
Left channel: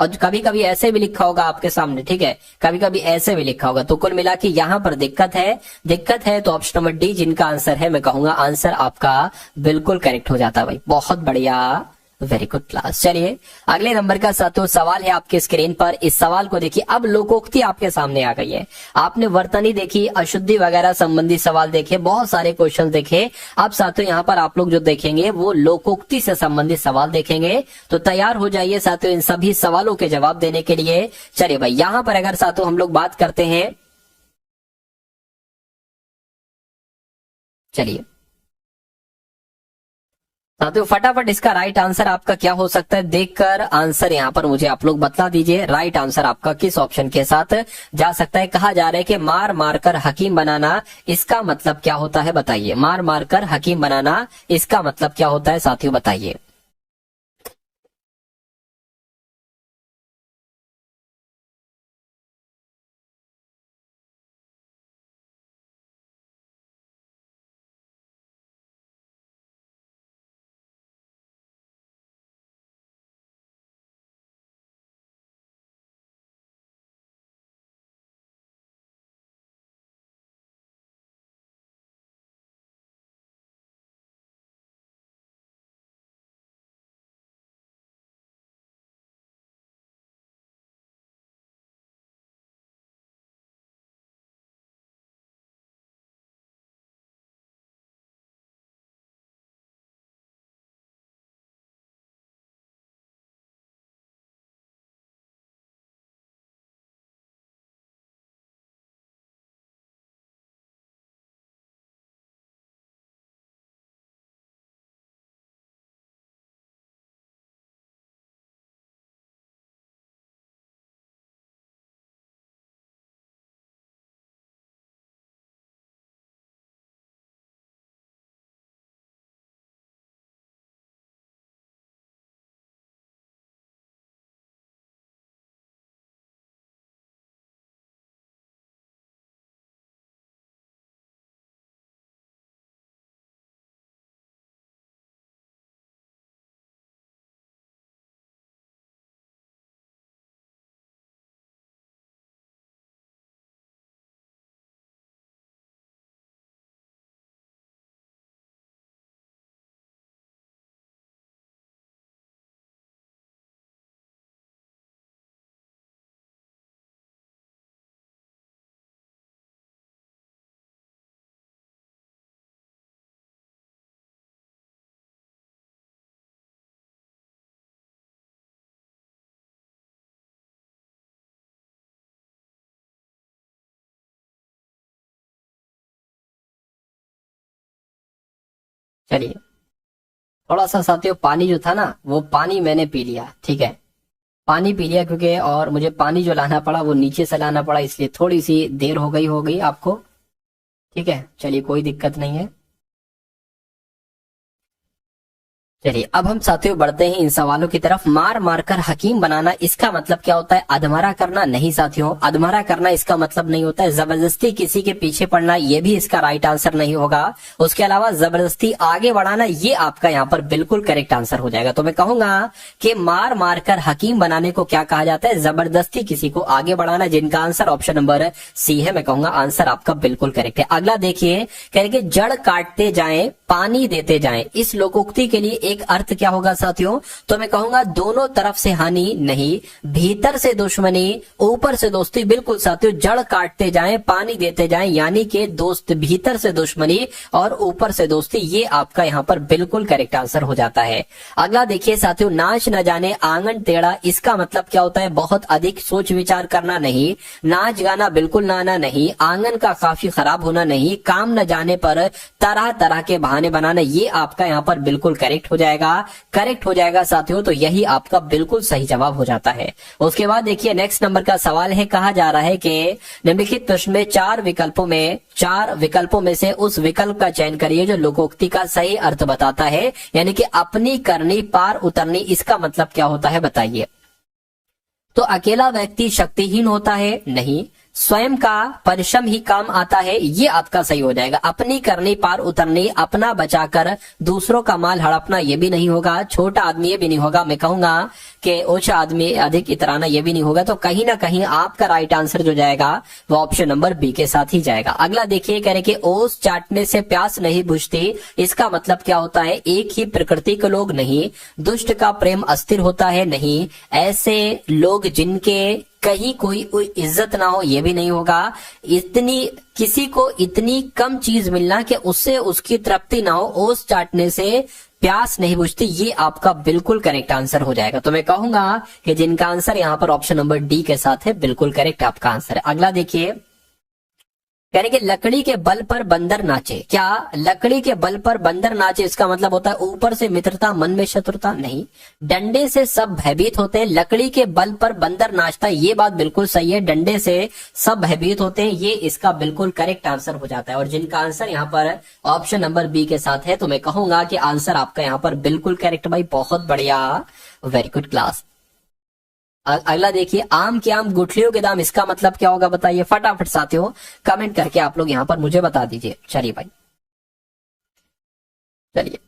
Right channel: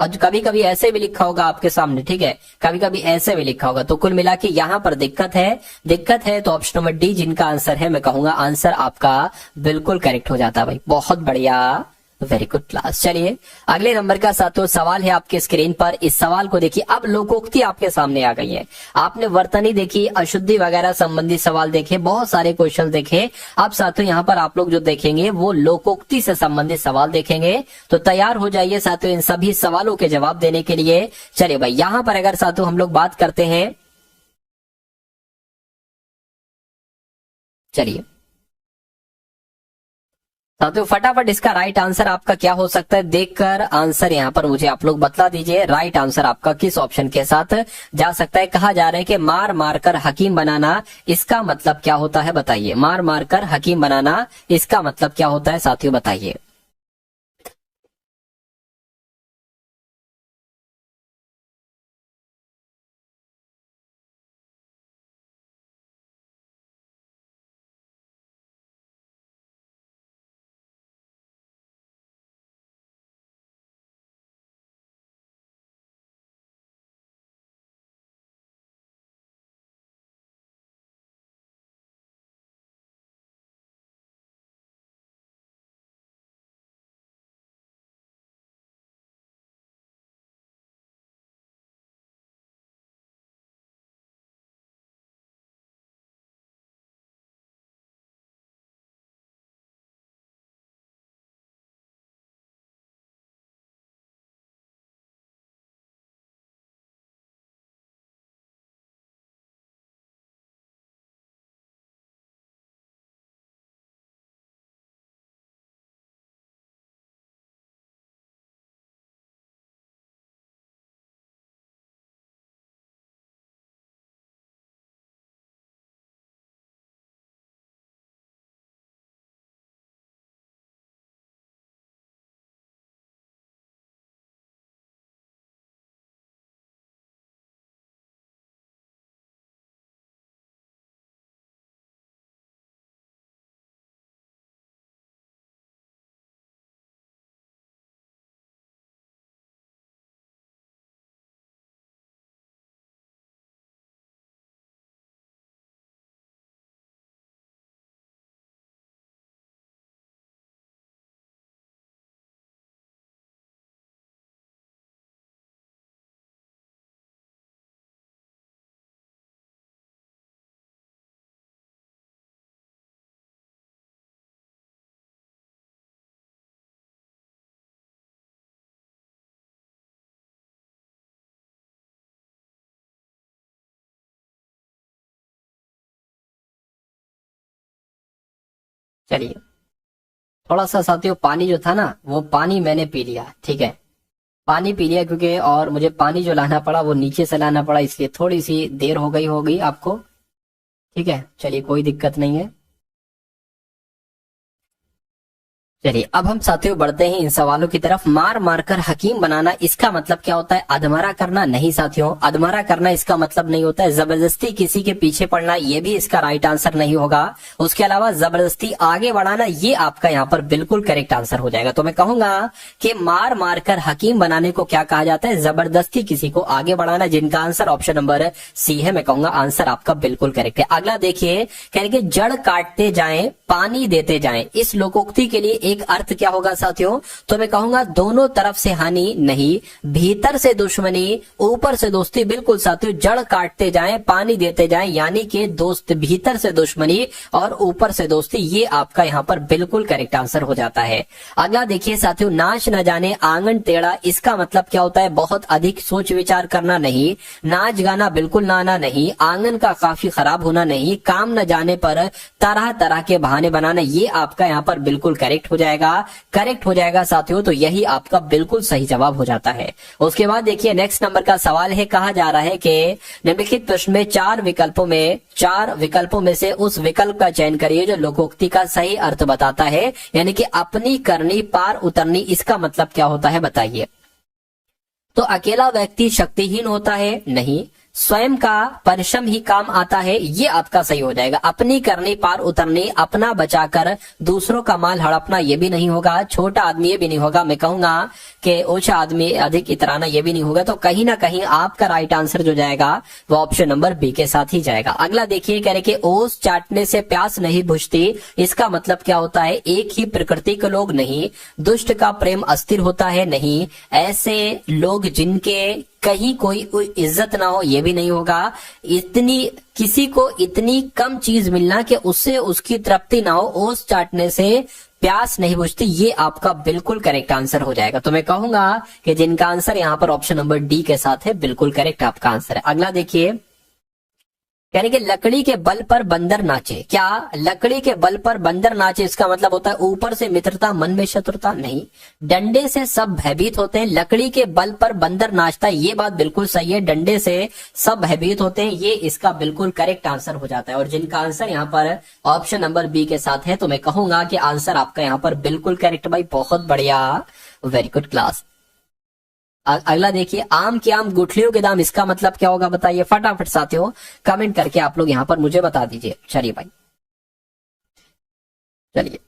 और कभी कभी ऐसे भी लिखा होगा आपके सामने, ठीक है, कभी कभी ऐसे भी लिखा होगा। तो कुल मिला के यहाँ पर दिक्कत है तो ऑप्शन नंबर डी जिनका आंसर है, मैं कहूंगा आंसर आपका बिल्कुल करेक्ट हो जाता है भाई। बहुत बढ़िया, वेरी गुड क्लास। चलिए अगले नंबर का साथियों सवाल है आपके स्क्रीन पर। इस सवाल को देखिए, अब लोकोक्ति आपके सामने आ गई है। आपने वर्तनी देखी, अशुद्धि वगैरह संबंधी सवाल देखे, बहुत सारे क्वेश्चन देखे। अब साथियों यहाँ पर आप लोग जो देखेंगे वो लोकोक्ति से संबंधित सवाल देखेंगे, तो तैयार हो जाइए साथियों इन सभी सवालों के जवाब देने के लिए। चलिए भाई यहाँ पर अगर साथियों हम लोग बात करते हैं, चलिए साथियों फटाफट इसका राइट आंसर आपका क्या हो सकता है, देखकर आंसर यहाँ पर मुझे आप लोग बतला दीजिए। राइट आंसर आपका किस ऑप्शन के साथ जा सकता है? कहा जा रहा है कि मार मारकर हकीम बनाना, इसका मतलब क्या होता है बताइए? मार मारकर हकीम बनाना, इसका मतलब क्या होता है साथियों बताइए? चलिए थोड़ा सा साथियों पानी जो था ना, वो पानी मैंने पी लिया, ठीक है, पानी पी लिया क्योंकि, और मुझे पानी जो लाना पड़ा वो नीचे से लाना पड़ा, इसलिए थोड़ी सी देर हो गई आपको, ठीक है। चलिए कोई दिक्कत नहीं है। चलिए अब हम साथियों बढ़ते हैं इन सवालों की तरफ। मार मारकर हकीम बनाना, इसका मतलब क्या होता है? अधमरा करना नहीं साथियों, अधमरा करना इसका मतलब नहीं होता है जबरदस्ती किसी के पीछे पड़ना, ये भी इसका राइट आंसर नहीं होगा। उसके अलावा जबरदस्ती आगे बढ़ाना, ये आपका यहाँ पर बिल्कुल करेक्ट आंसर हो जाएगा। तो मैं कहूंगा कि मार मारकर हकीम बनाने को क्या कहा जाता है? जबरदस्ती किसी को आगे बढ़ाना, जिनका आंसर ऑप्शन नंबर सी है। मैं कहूंगा आंसर आपका बिल्कुल करेक्ट है। अगला देखिए, कह रहे कि जड़ काटते जाएं पानी देते जाएं, इस लोकोक्ति के लिए एक अर्थ क्या होगा साथियों, तो मैं कहूंगा दोनों तरफ से हानि नहीं, भीतर से दुश्मनी ऊपर से दोस्ती। बिल्कुल साथियों, जड़ काटते जाएं पानी देते जाएं, यानी कि दोस्त भीतर से दुश्मनी और ऊपर से दोस्ती, ये आपका यहाँ पर बिल्कुल करेक्ट आंसर हो जाता है। अगला देखिए साथियों, नाच न जाने आंगन टेढ़ा, इसका मतलब क्या होता है, बहुत अधिक सोच विचार करना नहीं, नाच गाना बिल्कुल ना आना नहीं, आंगन का काफी खराब होना नहीं, काम न जाने पर तरह तरह के बहाने बनाना, ये आपका यहाँ पर बिल्कुल करेक्ट हो जाएगा साथियों। तो यही आपका बिल्कुल सही जवाब हो जाता है। उसके बाद देखिए नेक्स्ट नंबर का सवाल है, कहा जा रहा है कि निम्नलिखित प्रश्न में चार विकल्पों में से उस विकल्प का चयन करिए जो लोकोक्ति का सही अर्थ बताता है, यानी कि अपनी करनी पार उतरनी, इसका मतलब क्या होता है बताइए। तो अकेला व्यक्ति शक्तिहीन होता है, नहीं, स्वयं का परिश्रम ही काम आता है, ये आपका सही हो जाएगा। अपनी करनी पार उतरनी, अपना बचाकर दूसरों का माल हड़पना, ये भी नहीं होगा। छोटा आदमी, ये भी नहीं होगा। मैं कहूंगा कि ऊंचा आदमी अधिक इतराना, ये भी नहीं होगा। तो कहीं ना कहीं आपका राइट आंसर जो जाएगा वो ऑप्शन नंबर बी के साथ ही जाएगा। अगला देखिए, कह रहे कि ओस चाटने से प्यास नहीं बुझती, इसका मतलब क्या होता है, एक ही प्रकृति के लोग नहीं, दुष्ट का प्रेम अस्थिर होता है, नहीं, ऐसे लोग जिनके कहीं कोई इज्जत ना हो, ये भी नहीं होगा। किसी को इतनी कम चीज मिलना कि उससे उसकी तृप्ति ना हो, ओस चाटने से प्यास नहीं बुझती, ये आपका बिल्कुल करेक्ट आंसर हो जाएगा। तो मैं कहूंगा कि जिनका आंसर यहाँ पर ऑप्शन नंबर डी के साथ है, बिल्कुल करेक्ट आपका आंसर है। अगला देखिए, कह रहे कि लकड़ी के बल पर बंदर नाचे, क्या लकड़ी के बल पर बंदर नाचे, इसका मतलब होता है ऊपर से मित्रता मन में शत्रुता, नहीं, डंडे से सब भयभीत होते हैं, लकड़ी के बल पर बंदर नाचता है, ये बात बिल्कुल सही है, डंडे से सब भयभीत होते हैं, ये इसका बिल्कुल करेक्ट आंसर हो जाता है। और जिनका आंसर यहाँ पर ऑप्शन नंबर बी के साथ है, तो मैं कहूंगा कि आंसर आपका यहाँ पर बिल्कुल करेक्ट भाई, बहुत बढ़िया, वेरी गुड क्लास। अगला देखिए, आम के आम गुठलियों के दाम, इसका मतलब क्या होगा बताइए, फटाफट साथियों कमेंट करके आप लोग यहाँ पर मुझे बता दीजिए। चलिए भाई, चलिए।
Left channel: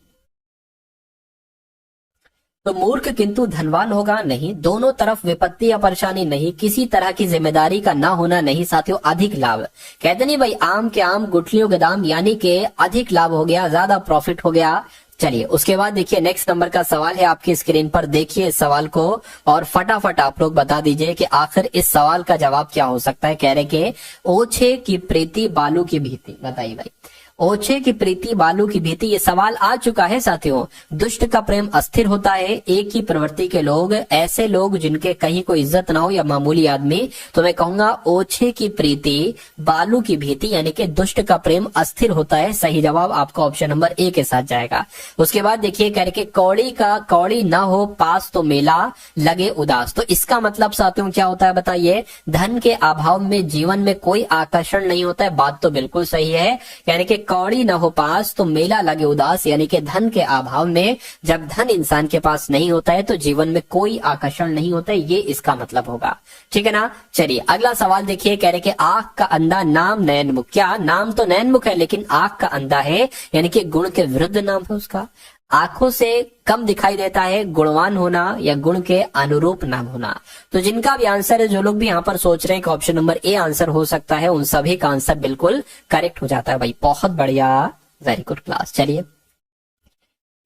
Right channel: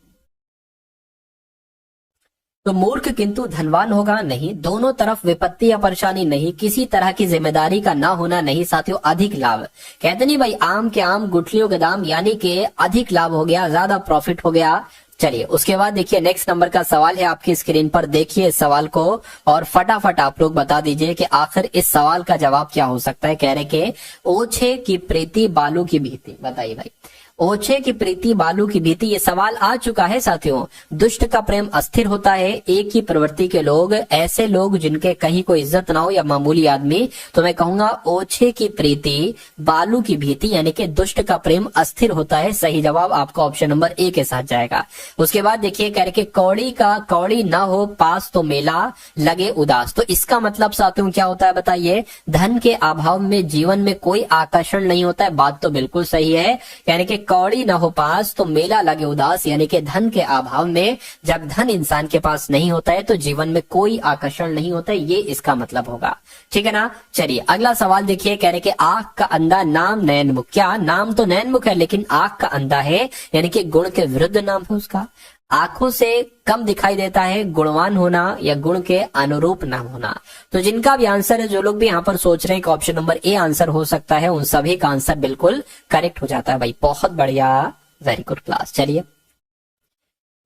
तो मूर्ख किंतु धनवान होगा, नहीं, दोनों तरफ विपत्ति या परेशानी, नहीं, किसी तरह की जिम्मेदारी का ना होना, नहीं साथियों, अधिक लाभ। कहते नहीं भाई, आम के आम गुठलियों के दाम, यानी कि अधिक लाभ हो गया, ज्यादा प्रॉफिट हो गया। चलिए उसके बाद देखिए नेक्स्ट नंबर का सवाल है, आपकी स्क्रीन पर देखिए इस सवाल को और फटाफट आप लोग बता दीजिए कि आखिर इस सवाल का जवाब क्या हो सकता है। कह रहे कि ओछे की प्रीति बालू की भीति, बताइए भाई, ओछे की प्रीति बालू की भीति, ये सवाल आ चुका है साथियों। दुष्ट का प्रेम अस्थिर होता है, एक ही प्रवृत्ति के लोग, ऐसे लोग जिनके कहीं कोई इज्जत ना हो या मामूली आदमी। तो मैं कहूंगा ओछे की प्रीति बालू की भीति, यानी कि दुष्ट का प्रेम अस्थिर होता है, सही जवाब आपका ऑप्शन नंबर ए के साथ जाएगा। उसके बाद देखिए, कह रहे कि कौड़ी ना हो पास तो मेला लगे उदास, तो इसका मतलब साथियों क्या होता है बताइए, धन के अभाव में जीवन में कोई आकर्षण नहीं होता है, बात तो बिल्कुल सही है। यानी कि कौड़ी ना हो पास तो मेला लगे उदास, यानी कि धन के अभाव में जब धन इंसान के पास नहीं होता है तो जीवन में कोई आकर्षण नहीं होता है, ये इसका मतलब होगा, ठीक है ना। चलिए अगला सवाल देखिए, कह रहे कि आंख का अंधा नाम नयनमुख, क्या नाम तो नयनमुख है लेकिन आंख का अंधा है, यानी कि गुण के विरुद्ध नाम है उसका, आंखों से कम दिखाई देता है, गुणवान होना या गुण के अनुरूप नाम होना। तो जिनका भी आंसर है, जो लोग भी यहाँ पर सोच रहे हैं कि ऑप्शन नंबर ए आंसर हो सकता है, उन सभी का आंसर बिल्कुल करेक्ट हो जाता है भाई, बहुत बढ़िया, वेरी गुड क्लास। चलिए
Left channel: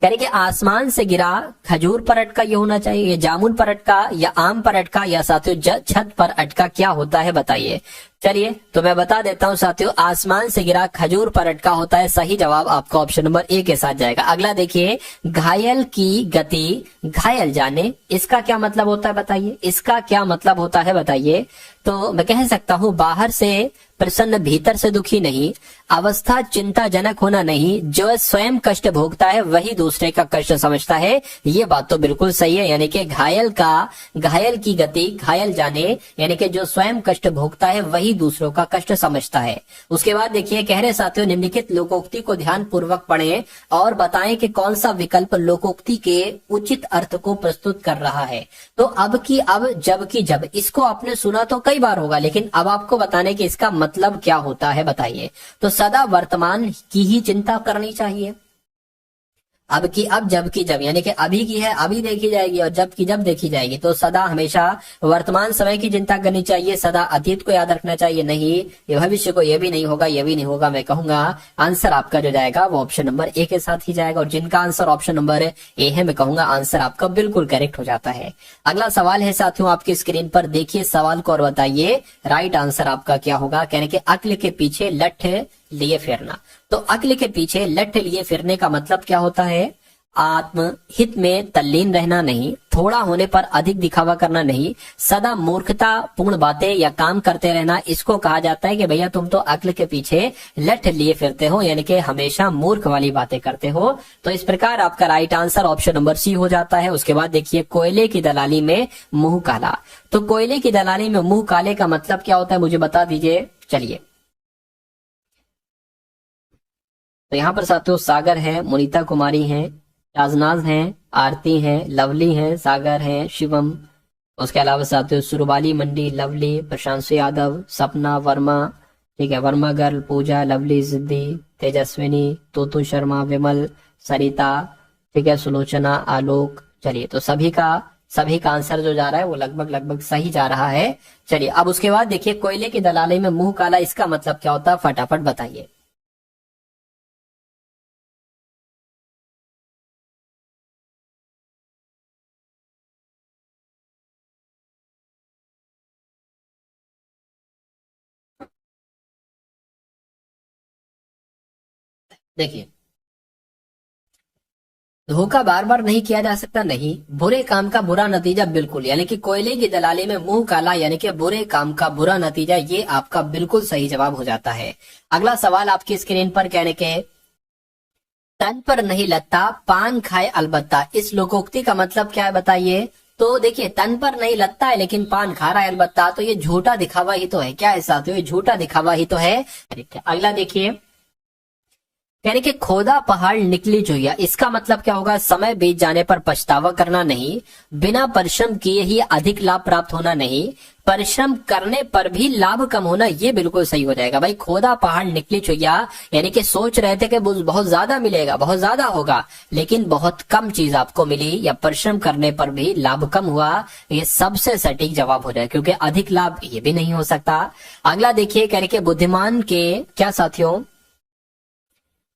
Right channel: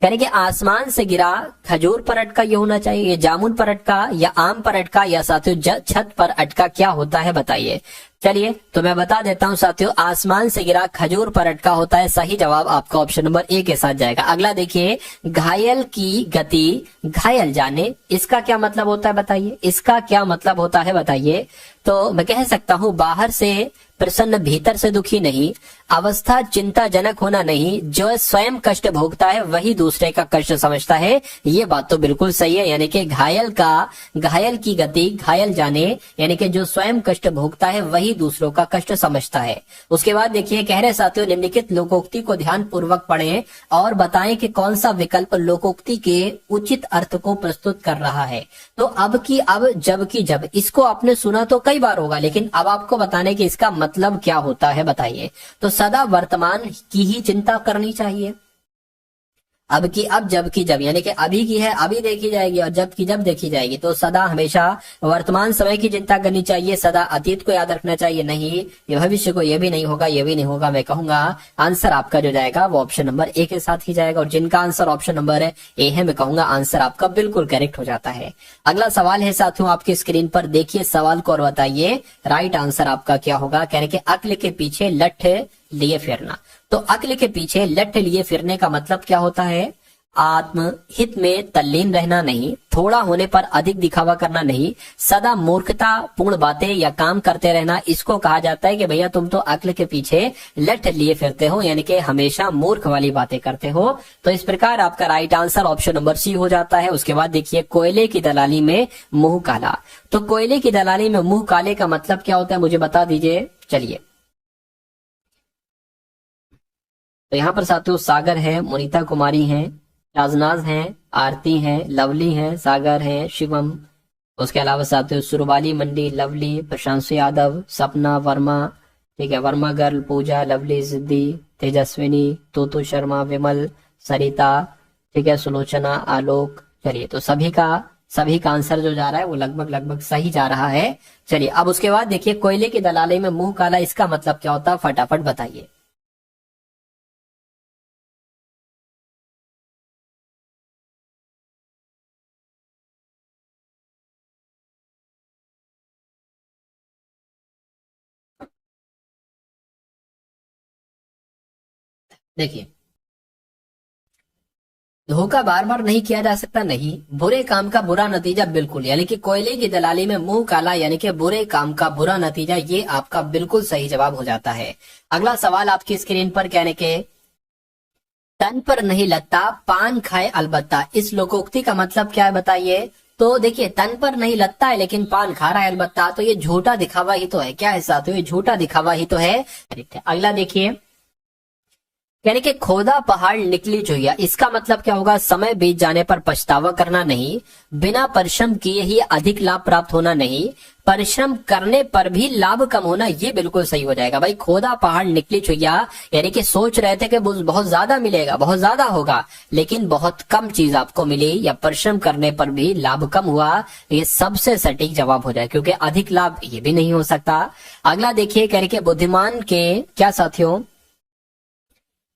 कह रहे कि आसमान से गिरा खजूर पर अटका, ये होना चाहिए, जामुन पर अटका या आम पर अटका या साथियों छत पर अटका, क्या होता है बताइए। चलिए तो मैं बता देता हूं साथियों, आसमान से गिरा खजूर पर अटका होता है, सही जवाब आपका ऑप्शन नंबर ए के साथ जाएगा। अगला देखिए, घायल की गति घायल जाने, इसका क्या मतलब होता है बताइए, इसका क्या मतलब होता है बताइए। तो मैं कह सकता हूं, बाहर से प्रसन्न भीतर से दुखी नहीं, अवस्था चिंताजनक होना नहीं, जो स्वयं कष्ट भोगता है वही दूसरे का कष्ट समझता है, ये बात तो बिल्कुल सही है। यानी कि घायल की गति घायल जाने, यानी कि जो स्वयं कष्ट भोगता है वही दूसरों का कष्ट समझता है। उसके बाद देखिए, कह रहे साथियों, निम्नलिखित लोकोक्ति को ध्यान पूर्वक पढ़ें और बताएं कि कौन सा विकल्प लोकोक्ति के उचित अर्थ को प्रस्तुत कर रहा है। तो अब जब की जब, इसको आपने सुना तो कई बार होगा, लेकिन अब आपको बताने की इसका मतलब क्या होता है बताइए। तो सदा वर्तमान की ही चिंता करनी चाहिए, अब की अब, जब की जब, यानी कि अभी की है अभी देखी जाएगी और जब की जब देखी जाएगी। तो सदा हमेशा वर्तमान समय की चिंता करनी चाहिए, सदा अतीत को याद रखना चाहिए, नहीं ये भविष्य को, ये भी नहीं होगा, ये भी नहीं होगा। मैं कहूंगा आंसर आपका जो जाएगा वो ऑप्शन नंबर ए के साथ ही जाएगा। और जिनका आंसर ऑप्शन नंबर ए है, मैं कहूंगा आंसर आपका बिल्कुल करेक्ट हो जाता है। अगला सवाल है साथियों आपकी स्क्रीन पर, देखिए सवाल को और बताइए राइट आंसर आपका क्या होगा। कहने के अक्ल के पीछे लठ लिए फिरना। तो अक्ल के पीछे लठ लिए फिरने का मतलब क्या होता है? आत्महित में तल्लीन रहना नहीं, थोड़ा होने पर अधिक दिखावा करना नहीं, सदा मूर्खता पूर्ण बातें या काम करते रहना, इसको कहा जाता है कि भैया तुम तो अक्ल के पीछे लठ लिए फिरते हो, यानी कि हमेशा मूर्ख वाली बातें करते हो। तो इस प्रकार आपका right answer option number C हो जाता है। उसके बाद देखिए कोयले की दलाली में मुंह काला। तो कोयले की दलाली में मुंह काले का मतलब क्या होता है, मुझे बता दीजिए। चलिए, तो यहाँ पर साथियों सागर है, मुनीता कुमारी है, नाजनाज है, आरती है, लवली है, सागर है, शिवम, उसके अलावा साथियों सुरबाली मंडी, लवली, प्रशांत यादव, सपना वर्मा, ठीक है, वर्मा गर्ल, पूजा, लवली, जिद्दी, तेजस्विनी, तोतू शर्मा, विमल, सरिता, ठीक है, सुलोचना, आलोक। चलिए, तो सभी का आंसर जो जा रहा है वो लगभग सही जा रहा है। चलिए, अब उसके बाद देखिए कोयले की दलाली में मुंह काला, इसका मतलब क्या होता है, फटाफट बताइए। देखिए, धोखा बार बार नहीं किया जा सकता, नहीं, बुरे काम का बुरा नतीजा बिल्कुल, यानी कि कोयले की दलाली में मुंह काला, यानी कि बुरे काम का बुरा नतीजा, ये आपका बिल्कुल सही जवाब हो जाता है। अगला सवाल आपकी स्क्रीन पर, कहने के तन पर नहीं लगता पान खाए अलबत्ता, इस लोकोक्ति का मतलब क्या है बताइए। तो देखिए, तन पर नहीं लगता है लेकिन पान खा रहा है अलबत्ता, तो ये झूठा दिखावा ही तो है। क्या है साथियों, ये झूठा दिखावा ही तो है। अगला देखिए, यानी कि खोदा पहाड़ निकली चुहिया, इसका मतलब क्या होगा, समय बीत जाने पर पछतावा करना नहीं, बिना परिश्रम किए ही अधिक लाभ प्राप्त होना नहीं, परिश्रम करने पर भी लाभ कम होना, ये बिल्कुल सही हो जाएगा। भाई खोदा पहाड़ निकली चुहिया, यानी कि सोच रहे थे कि बहुत ज्यादा मिलेगा, बहुत ज्यादा होगा, लेकिन बहुत कम चीज आपको मिली, या परिश्रम करने पर भी लाभ कम हुआ, ये सबसे सटीक जवाब हो जाए, क्योंकि अधिक लाभ ये भी नहीं हो सकता। अगला देखिए, कह रहे कि बुद्धिमान के क्या साथियों,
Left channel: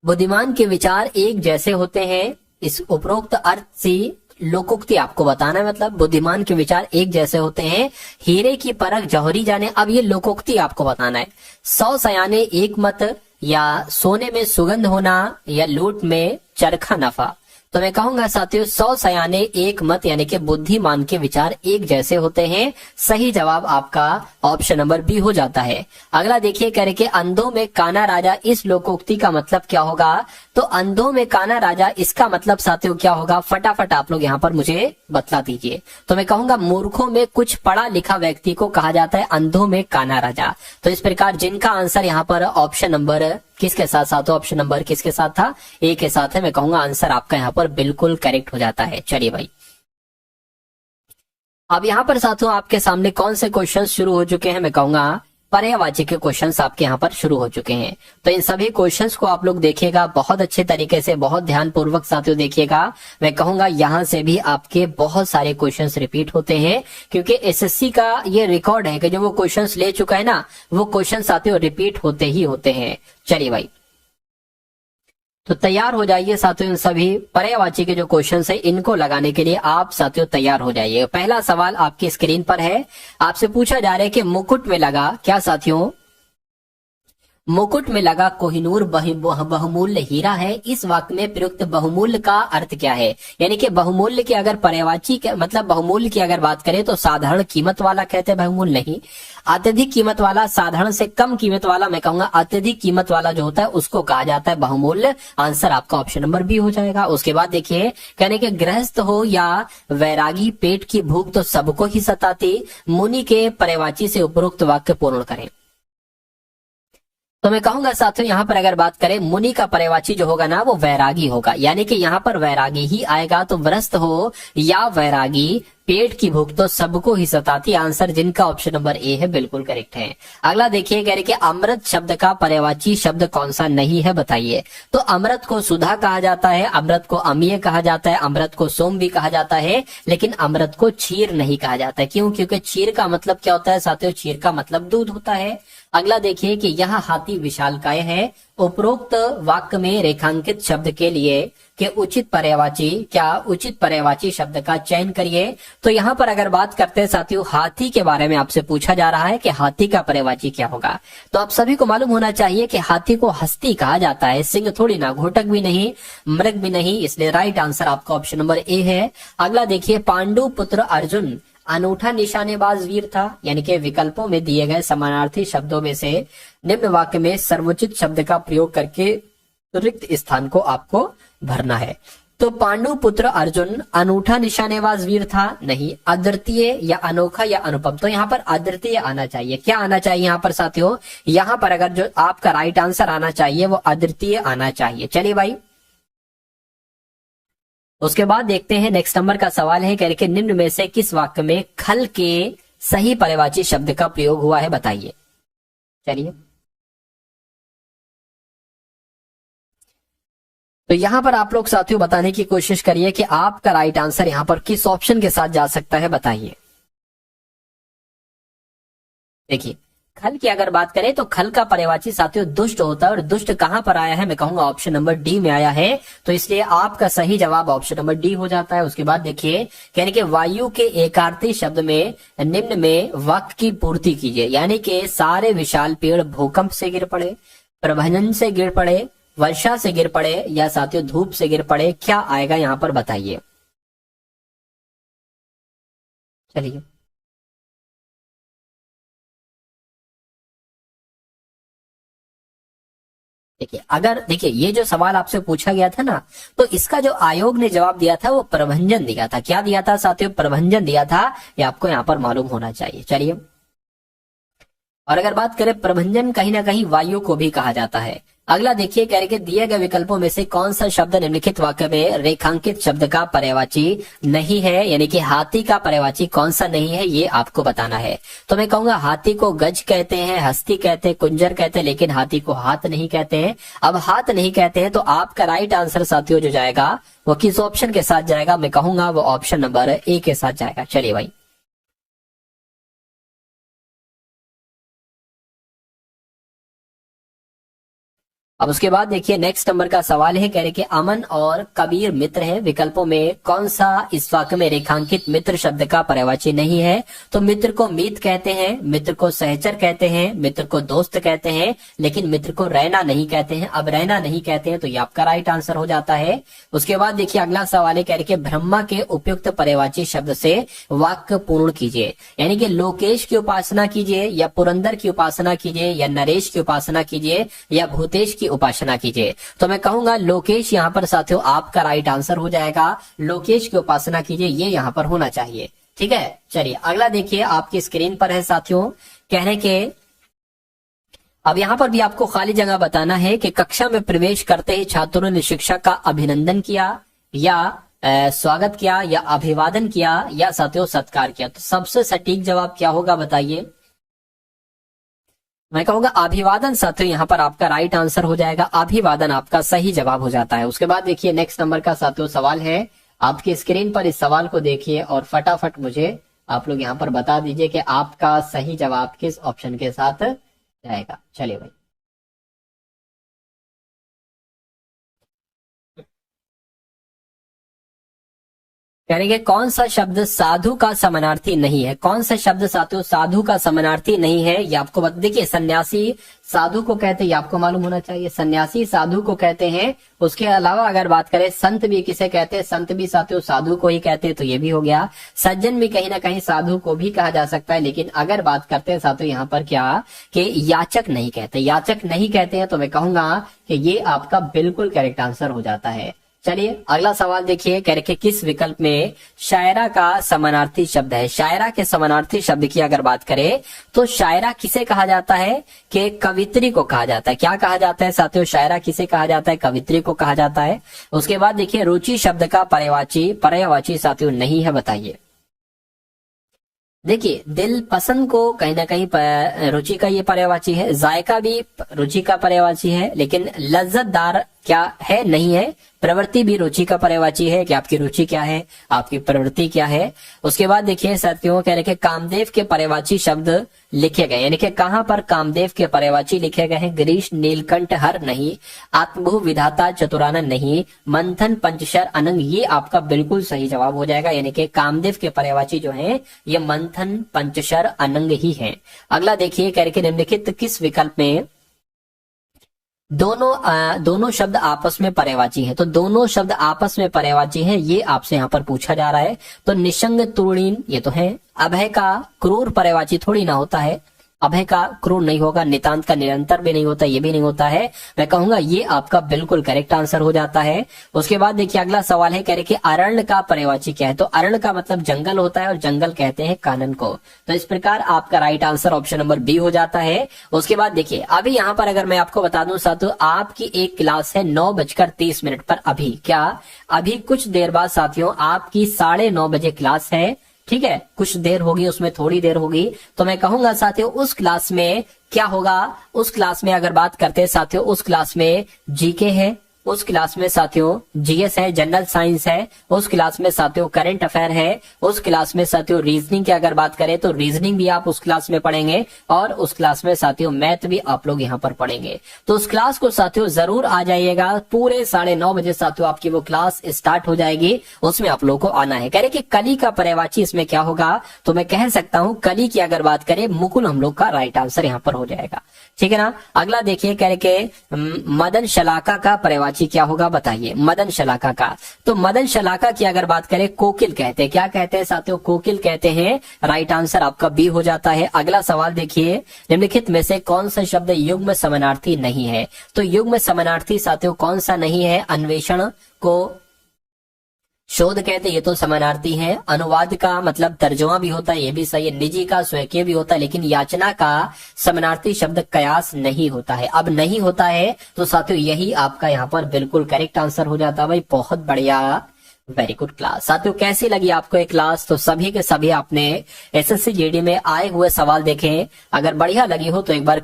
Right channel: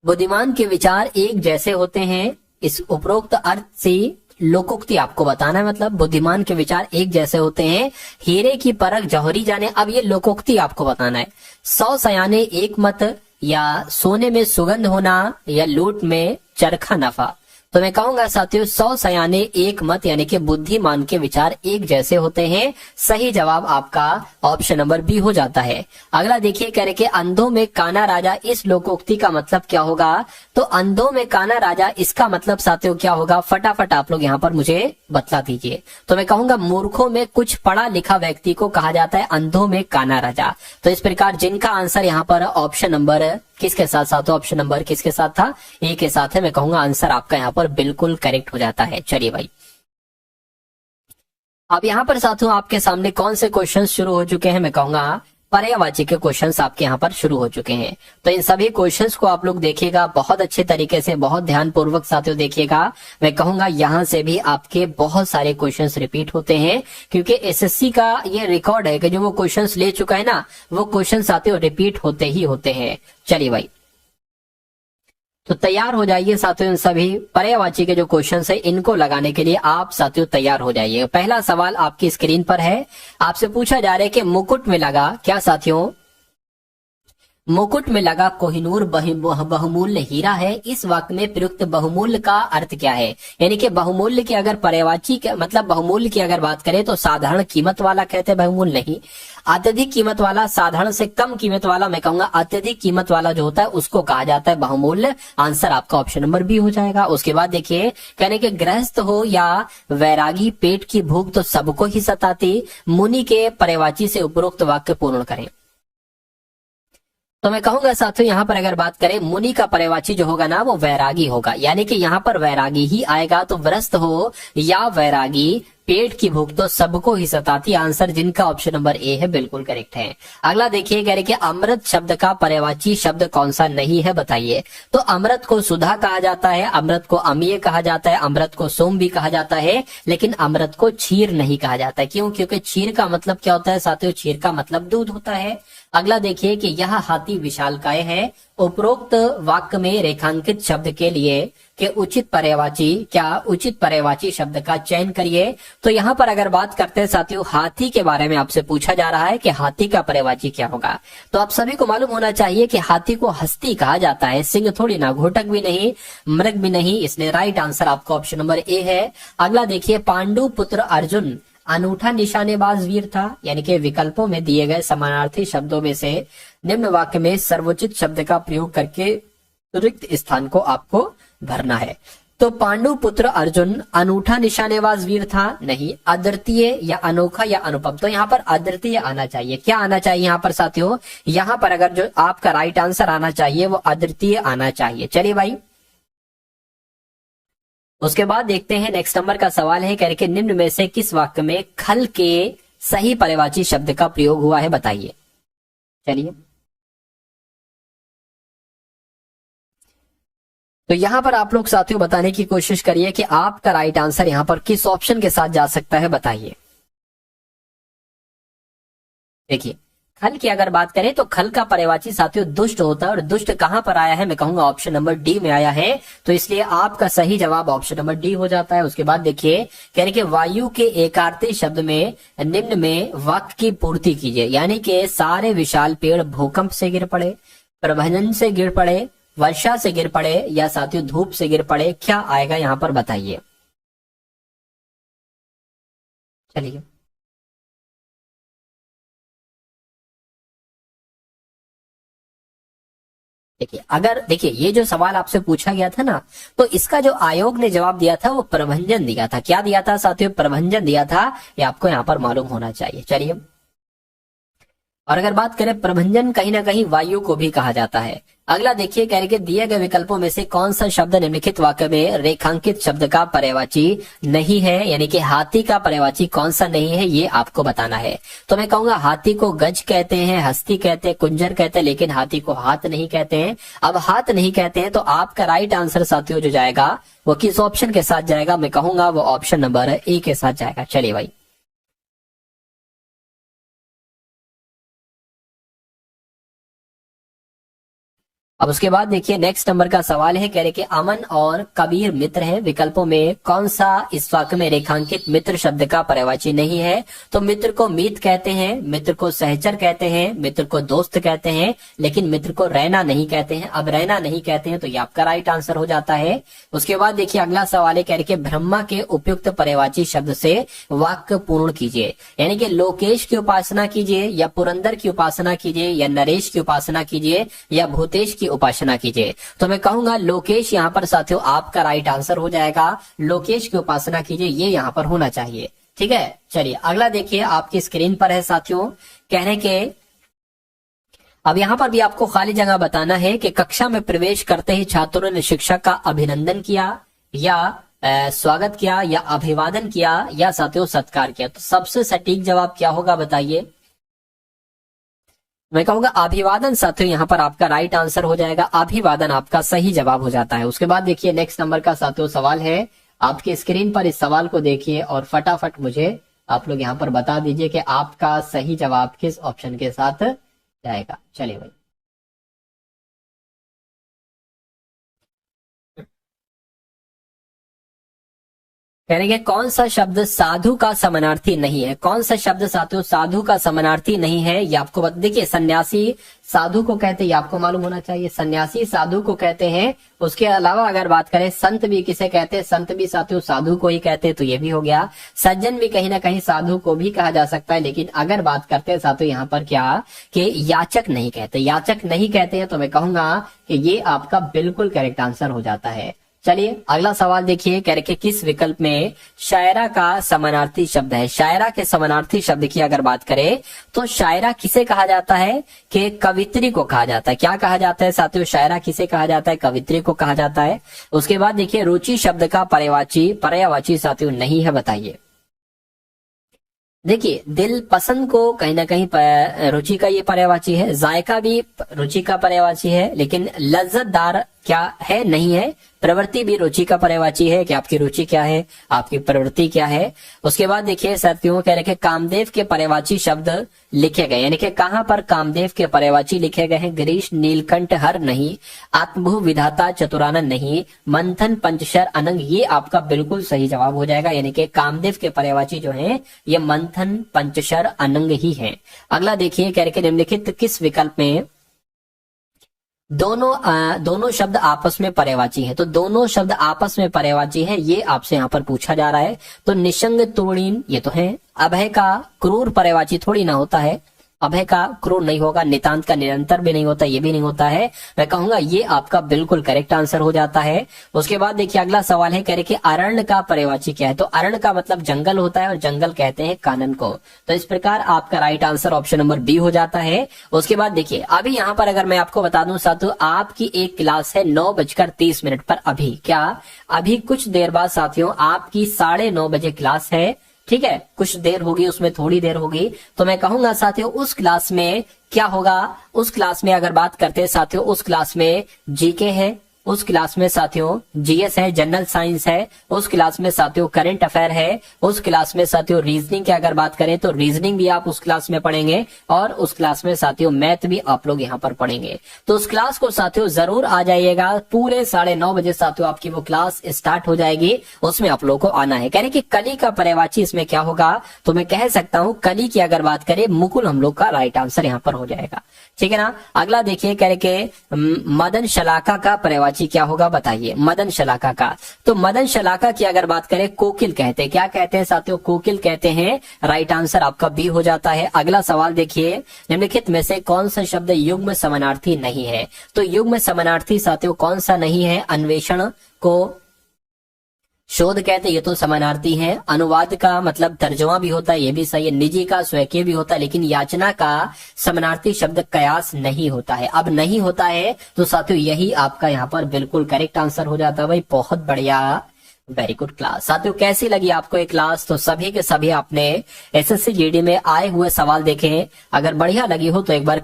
बुद्धिमान के विचार एक जैसे होते हैं, इस उपरोक्त अर्थ से लोकोक्ति आपको बताना है, मतलब बुद्धिमान के विचार एक जैसे होते हैं, हीरे की परख जौहरी जाने, अब ये लोकोक्ति आपको बताना है। 100 सयाने एक मत, या सोने में सुगंध होना, या लूट में चरखा नफा। तो मैं कहूंगा साथियों 100 सयाने एक मत, यानी कि बुद्धिमान के विचार एक जैसे होते हैं। सही जवाब आपका ऑप्शन नंबर बी हो जाता है। अगला देखिए, कह रहे कि अंधों में काना राजा, इस लोकोक्ति का मतलब क्या होगा। तो अंधों में काना राजा, इसका मतलब साथियों क्या होगा, फटाफट आप लोग यहाँ पर मुझे बतला दीजिए। तो मैं कहूंगा मूर्खों में कुछ पढ़ा लिखा व्यक्ति को कहा जाता है अंधों में काना राजा। तो इस प्रकार जिनका आंसर यहाँ पर ऑप्शन नंबर किसके साथ साथ, ऑप्शन नंबर किसके साथ था, ए के साथ है, मैं कहूंगा आंसर आपका यहाँ पर बिल्कुल करेक्ट हो जाता है। चलिए भाई, अब यहाँ पर साथियों आपके सामने कौन से क्वेश्चन शुरू हो चुके हैं, मैं कहूंगा पर्यायवाची के क्वेश्चंस आपके यहाँ पर शुरू हो चुके हैं। तो इन सभी क्वेश्चंस को आप लोग देखिएगा बहुत अच्छे तरीके से, बहुत ध्यान पूर्वक साथियों देखिएगा। मैं कहूंगा यहाँ से भी आपके बहुत सारे क्वेश्चंस रिपीट होते हैं, क्योंकि एसएससी का ये रिकॉर्ड है कि जो वो क्वेश्चंस ले चुका है ना, वो क्वेश्चन साथियों रिपीट होते ही होते हैं। चलिए भाई, तो तैयार हो जाइए साथियों, इन सभी पर्यायवाची के जो क्वेश्चन है इनको लगाने के लिए आप साथियों तैयार हो जाइए। पहला सवाल आपकी स्क्रीन पर है, आपसे पूछा जा रहा है कि मुकुट में लगा क्या साथियों, मुकुट में लगा कोहिनूर बहुमूल्य हीरा है, इस वाक्य में प्रयुक्त बहुमूल्य का अर्थ क्या है। यानी कि बहुमूल्य की अगर पर्यायवाची मतलब बहुमूल्य की अगर बात करें तो साधारण कीमत वाला कहते हैं बहुमूल्य नहीं, अत्यधिक कीमत वाला, साधारण से कम कीमत वाला, मैं कहूंगा अत्यधिक कीमत वाला जो होता है उसको कहा जाता है बहुमूल्य। आंसर आपका ऑप्शन नंबर बी हो जाएगा। उसके बाद देखिए, कहने के गृहस्थ हो या वैरागी, पेट की भूख तो सबको ही सताती, मुनि के पर्यायवाची से उपरोक्त वाक्य पूर्ण करें। तो मैं कहूंगा साथियों यहाँ पर अगर बात करें मुनि का पर्यायवाची जो होगा ना वो वैरागी होगा, यानी कि यहाँ पर वैरागी ही आएगा। तो व्रस्त हो या वैरागी, पेट की भूख तो सबको ही सताती। आंसर जिनका ऑप्शन नंबर ए है बिल्कुल करेक्ट है। अगला देखिए, कह रहे कि अमृत शब्द का पर्यायवाची शब्द कौन सा नहीं है, बताइए। तो अमृत को सुधा कहा जाता है, अमृत को अमीय कहा जाता है, अमृत को सोम भी कहा जाता है, लेकिन अमृत को क्षीर नहीं कहा जाता है। क्यों? क्योंकि क्षीर का मतलब क्या होता है साथियों? क्षीर का मतलब दूध होता है। अगला देखिए कि यह हाथी विशालकाय है। उपरोक्त वाक्य में रेखांकित शब्द के लिए कि उचित पर्यायवाची शब्द का चयन करिए। तो यहाँ पर अगर बात करते हैं साथियों, हाथी के बारे में आपसे पूछा जा रहा है कि हाथी का पर्यायवाची क्या होगा। तो आप सभी को मालूम होना चाहिए कि हाथी को हस्ती कहा जाता है, सिंह थोड़ी ना, घोटक भी नहीं, मृग भी नहीं, इसलिए राइट आंसर आपका ऑप्शन नंबर ए है। अगला देखिए, पांडु पुत्र अर्जुन अनूठा निशानेबाज वीर था, यानी कि विकल्पों में दिए गए समानार्थी शब्दों में से निम्न वाक्य में सर्वोचित शब्द का प्रयोग करके रिक्त स्थान को आपको भरना है। तो पांडु पुत्र अर्जुन अनूठा निशानेबाज वीर था, नहीं। अद्वितीय या अनोखा या अनुपम, तो यहाँ पर अद्वितीय आना चाहिए। क्या आना चाहिए यहाँ पर साथियों? यहाँ पर अगर जो आपका राइट आंसर आना चाहिए वो अद्वितीय आना चाहिए। चलिए भाई, उसके बाद देखते हैं नेक्स्ट नंबर का सवाल है, कह रहे कि निम्न में से किस वाक्य में खल के सही पर्यायवाची शब्द का प्रयोग हुआ है, बताइए। चलिए, तो यहां पर आप लोग साथियों बताने की कोशिश करिए कि आपका राइट आंसर यहां पर किस ऑप्शन के साथ जा सकता है, बताइए। देखिए, खल की अगर बात करें तो खल का पर्यायवाची साथियों दुष्ट होता है, और दुष्ट कहां पर आया है? मैं कहूंगा ऑप्शन नंबर डी में आया है। तो इसलिए आपका सही जवाब ऑप्शन नंबर डी हो जाता है। उसके बाद देखिए, कह रहे कि वायु के एकार्थी शब्द में निम्न में वाक्य की पूर्ति कीजिए, यानी कि सारे विशाल पेड़ भूकंप से गिर पड़े, प्रभंजन से गिर पड़े, वर्षा से गिर पड़े, या साथियों धूप से गिर पड़े। क्या आएगा यहां पर, बताइए। चलिए, देखिए, अगर देखिए ये जो सवाल आपसे पूछा गया था ना, तो इसका जो आयोग ने जवाब दिया था वो प्रभंजन दिया था। क्या दिया था साथियों? प्रभंजन दिया था। ये आपको यहाँ पर मालूम होना चाहिए। चलिए, और अगर बात करें प्रभंजन, कहीं ना कहीं वायु को भी कहा जाता है। अगला देखिए, कह रहे कि दिए गए विकल्पों में से कौन सा शब्द निम्नलिखित वाक्य में रेखांकित शब्द का पर्यायवाची नहीं है, यानी कि हाथी का पर्यायवाची कौन सा नहीं है, ये आपको बताना है। तो मैं कहूंगा हाथी को गज कहते हैं, हस्ती कहते हैं, कुंजर कहते हैं, लेकिन हाथी को हाथ नहीं कहते हैं। अब हाथ नहीं कहते हैं तो आपका राइट आंसर साथियों जो जाएगा वो किस ऑप्शन के साथ जाएगा? मैं कहूंगा वो ऑप्शन नंबर ए के साथ जाएगा। चलिए भाई, अब उसके बाद देखिए नेक्स्ट नंबर का सवाल है, कह रहे कि अमन और कबीर मित्र हैं, विकल्पों में कौन सा इस वाक्य में रेखांकित मित्र शब्द का पर्यायवाची नहीं है? तो मित्र को मीत कहते हैं, मित्र को सहचर कहते हैं, मित्र को दोस्त कहते हैं, लेकिन मित्र को रैना नहीं कहते हैं। अब रैना नहीं कहते हैं तो ये आपका राइट आंसर हो जाता है। उसके बाद देखिए अगला सवाल है, कह रहे कि ब्रह्मा के उपयुक्त पर्यायवाची शब्द से वाक्य पूर्ण कीजिए, यानी कि लोकेश की उपासना कीजिए, या पुरंदर की उपासना कीजिए, या नरेश की उपासना कीजिए, या भूतेश की उपासना कीजिए। तो मैं कहूंगा लोकेश यहाँ पर साथियों आपका राइट आंसर हो जाएगा। लोकेश की उपासना कीजिए, ये यहाँ पर होना चाहिए। ठीक है, चलिए अगला देखिए आपकी स्क्रीन पर है साथियों, कह रहे कि अब यहाँ पर भी आपको खाली जगह बताना है कि कक्षा में प्रवेश करते ही छात्रों ने शिक्षक का अभिनंदन किया, या स्वागत किया, या अभिवादन किया, या साथियों सत्कार किया। तो सबसे सटीक जवाब क्या होगा, बताइए। मैं कहूंगा अभिवादन साथियों यहाँ पर आपका राइट आंसर हो जाएगा। अभिवादन आपका सही जवाब हो जाता है। उसके बाद देखिए नेक्स्ट नंबर का साथियों सवाल है, आपकी स्क्रीन पर इस सवाल को देखिए और फटाफट मुझे आप लोग यहाँ पर बता दीजिए कि आपका सही जवाब किस ऑप्शन के साथ जाएगा। चलिए भाई, यानी कि कौन सा शब्द साधु का समानार्थी नहीं है? कौन सा शब्द साथियों साधु का समानार्थी नहीं है, ये आपको बता। देखिए सन्यासी साधु को कहते हैं, ये आपको मालूम होना चाहिए। सन्यासी साधु को कहते हैं। उसके अलावा अगर बात करें संत भी किसे कहते हैं? संत भी साथियों साधु को ही कहते हैं, तो ये भी हो गया। सज्जन भी कहीं ना कहीं साधु को भी कहा जा सकता है, लेकिन अगर बात करते हैं साथियों यहाँ पर क्या कि याचक नहीं कहते, याचक नहीं कहते हैं, तो मैं कहूंगा कि ये आपका बिल्कुल करेक्ट आंसर हो जाता है। चलिए अगला सवाल देखिए, कह रहे कि किस विकल्प में शायरा का समानार्थी शब्द है? शायरा के समानार्थी शब्द की अगर बात करें तो शायरा किसे कहा जाता है? कि कवित्री को कहा जाता है। क्या कहा जाता है साथियों? शायरा किसे कहा जाता है? कवित्री को कहा जाता है। उसके बाद देखिए रुचि शब्द का पर्यायवाची साथियों नहीं है, बताइए। देखिए, दिल पसंद को कहीं ना कहीं रुचि का ये पर्यायवाची है, जायका भी रुचि का पर्यायवाची है, लेकिन लज्जतदार क्या है, नहीं है। प्रवृत्ति भी रुचि का पर्यायवाची है कि आपकी रुचि क्या है, आपकी प्रवृत्ति क्या है। उसके बाद देखिए साथियों, कह रहे कि कामदेव के पर्यायवाची शब्द लिखे गए, यानी कि कहां पर कामदेव के पर्यायवाची लिखे गए हैं। गिरीश नीलकंठ हर नहीं, आत्मभू विधाता चतुरानन नहीं, मंथन पंचशर अनंग, ये आपका बिल्कुल सही जवाब हो जाएगा। यानी कि कामदेव के पर्यायवाची जो है ये मंथन पंचशर अनंग ही है। अगला देखिए, कह रहे कि निम्नलिखित किस विकल्प में दोनों शब्द आपस में पर्यायवाची है। तो दोनों शब्द आपस में पर्यायवाची है, ये आपसे यहाँ पर पूछा जा रहा है। तो निशंग तुर्णीन ये तो है। अभय का क्रूर पर्यायवाची थोड़ी ना होता है, अभय का क्रूर नहीं होगा, नितांत का निरंतर भी नहीं होता, ये भी नहीं होता है। मैं कहूंगा ये आपका बिल्कुल करेक्ट आंसर हो जाता है। उसके बाद देखिए अगला सवाल है, कह रहे कि अरण्य का पर्यायवाची क्या है। तो अरण्य का मतलब जंगल होता है और जंगल कहते हैं कानन को। तो इस प्रकार आपका right answer option number B हो जाता है। उसके बाद देखिए अभी यहाँ पर अगर मैं आपको बता दूं साथियों, आपकी एक क्लास है 9:30 पर। अभी कुछ देर बाद साथियों आपकी 9:30 बजे क्लास है, ठीक है। कुछ देर होगी, उसमें थोड़ी देर होगी। तो मैं कहूंगा साथियों उस क्लास में क्या होगा, उस क्लास में अगर बात करते हैं साथियों, उस क्लास में जीके है, उस क्लास में साथियों जीएस है, जनरल साइंस है, उस क्लास में साथियों करंट अफेयर है, उस क्लास में साथियों रीजनिंग की अगर बात करें तो रीजनिंग भी आप उस क्लास में पढ़ेंगे, और उस क्लास में साथियों मैथ भी आप लोग यहाँ पर पढ़ेंगे। तो उस क्लास को साथियों जरूर आ जाइएगा। पूरे 9:30 बजे साथियों आपकी वो क्लास स्टार्ट हो जाएगी, उसमें आप लोगों को आना है। कह रहे कि कली का पर्यायवाची इसमें क्या होगा, तो मैं कह सकता हूँ कली की अगर बात करें मुकुल हम लोग का राइट आंसर यहाँ पर हो जाएगा, ठीक है ना। अगला देखिए, कह रहे कि मदन शलाका का पर्यायवाची क्या होगा, बताइए। मदन शलाका का, तो मदन शलाका की अगर बात करें कोकिल कहते हैं। क्या कहते हैं साथियों, कोकिल कहते हैं। राइट आंसर आपका बी हो जाता है। अगला सवाल देखिए, निम्नलिखित में से कौन सा शब्द युग्म समानार्थी नहीं है। तो युग्म समानार्थी साथियों कौन सा नहीं है, अन्वेषण को शोध कहते हैं, ये तो समानार्थी है। अनुवाद का मतलब तर्जुमा भी होता है, ये भी सही है। निजी का स्वकीय भी होता है, लेकिन याचना का समानार्थी शब्द कयास नहीं होता है। अब नहीं होता है तो साथियों यही आपका यहाँ पर बिल्कुल करेक्ट आंसर हो जाता है। भाई बहुत बढ़िया, वेरी गुड क्लास। साथियों कैसी लगी आपको ये क्लास। तो सभी के सभी आपने एसएससी जीडी में आए हुए सवाल देखे, अगर बढ़िया लगी हो तो एक बार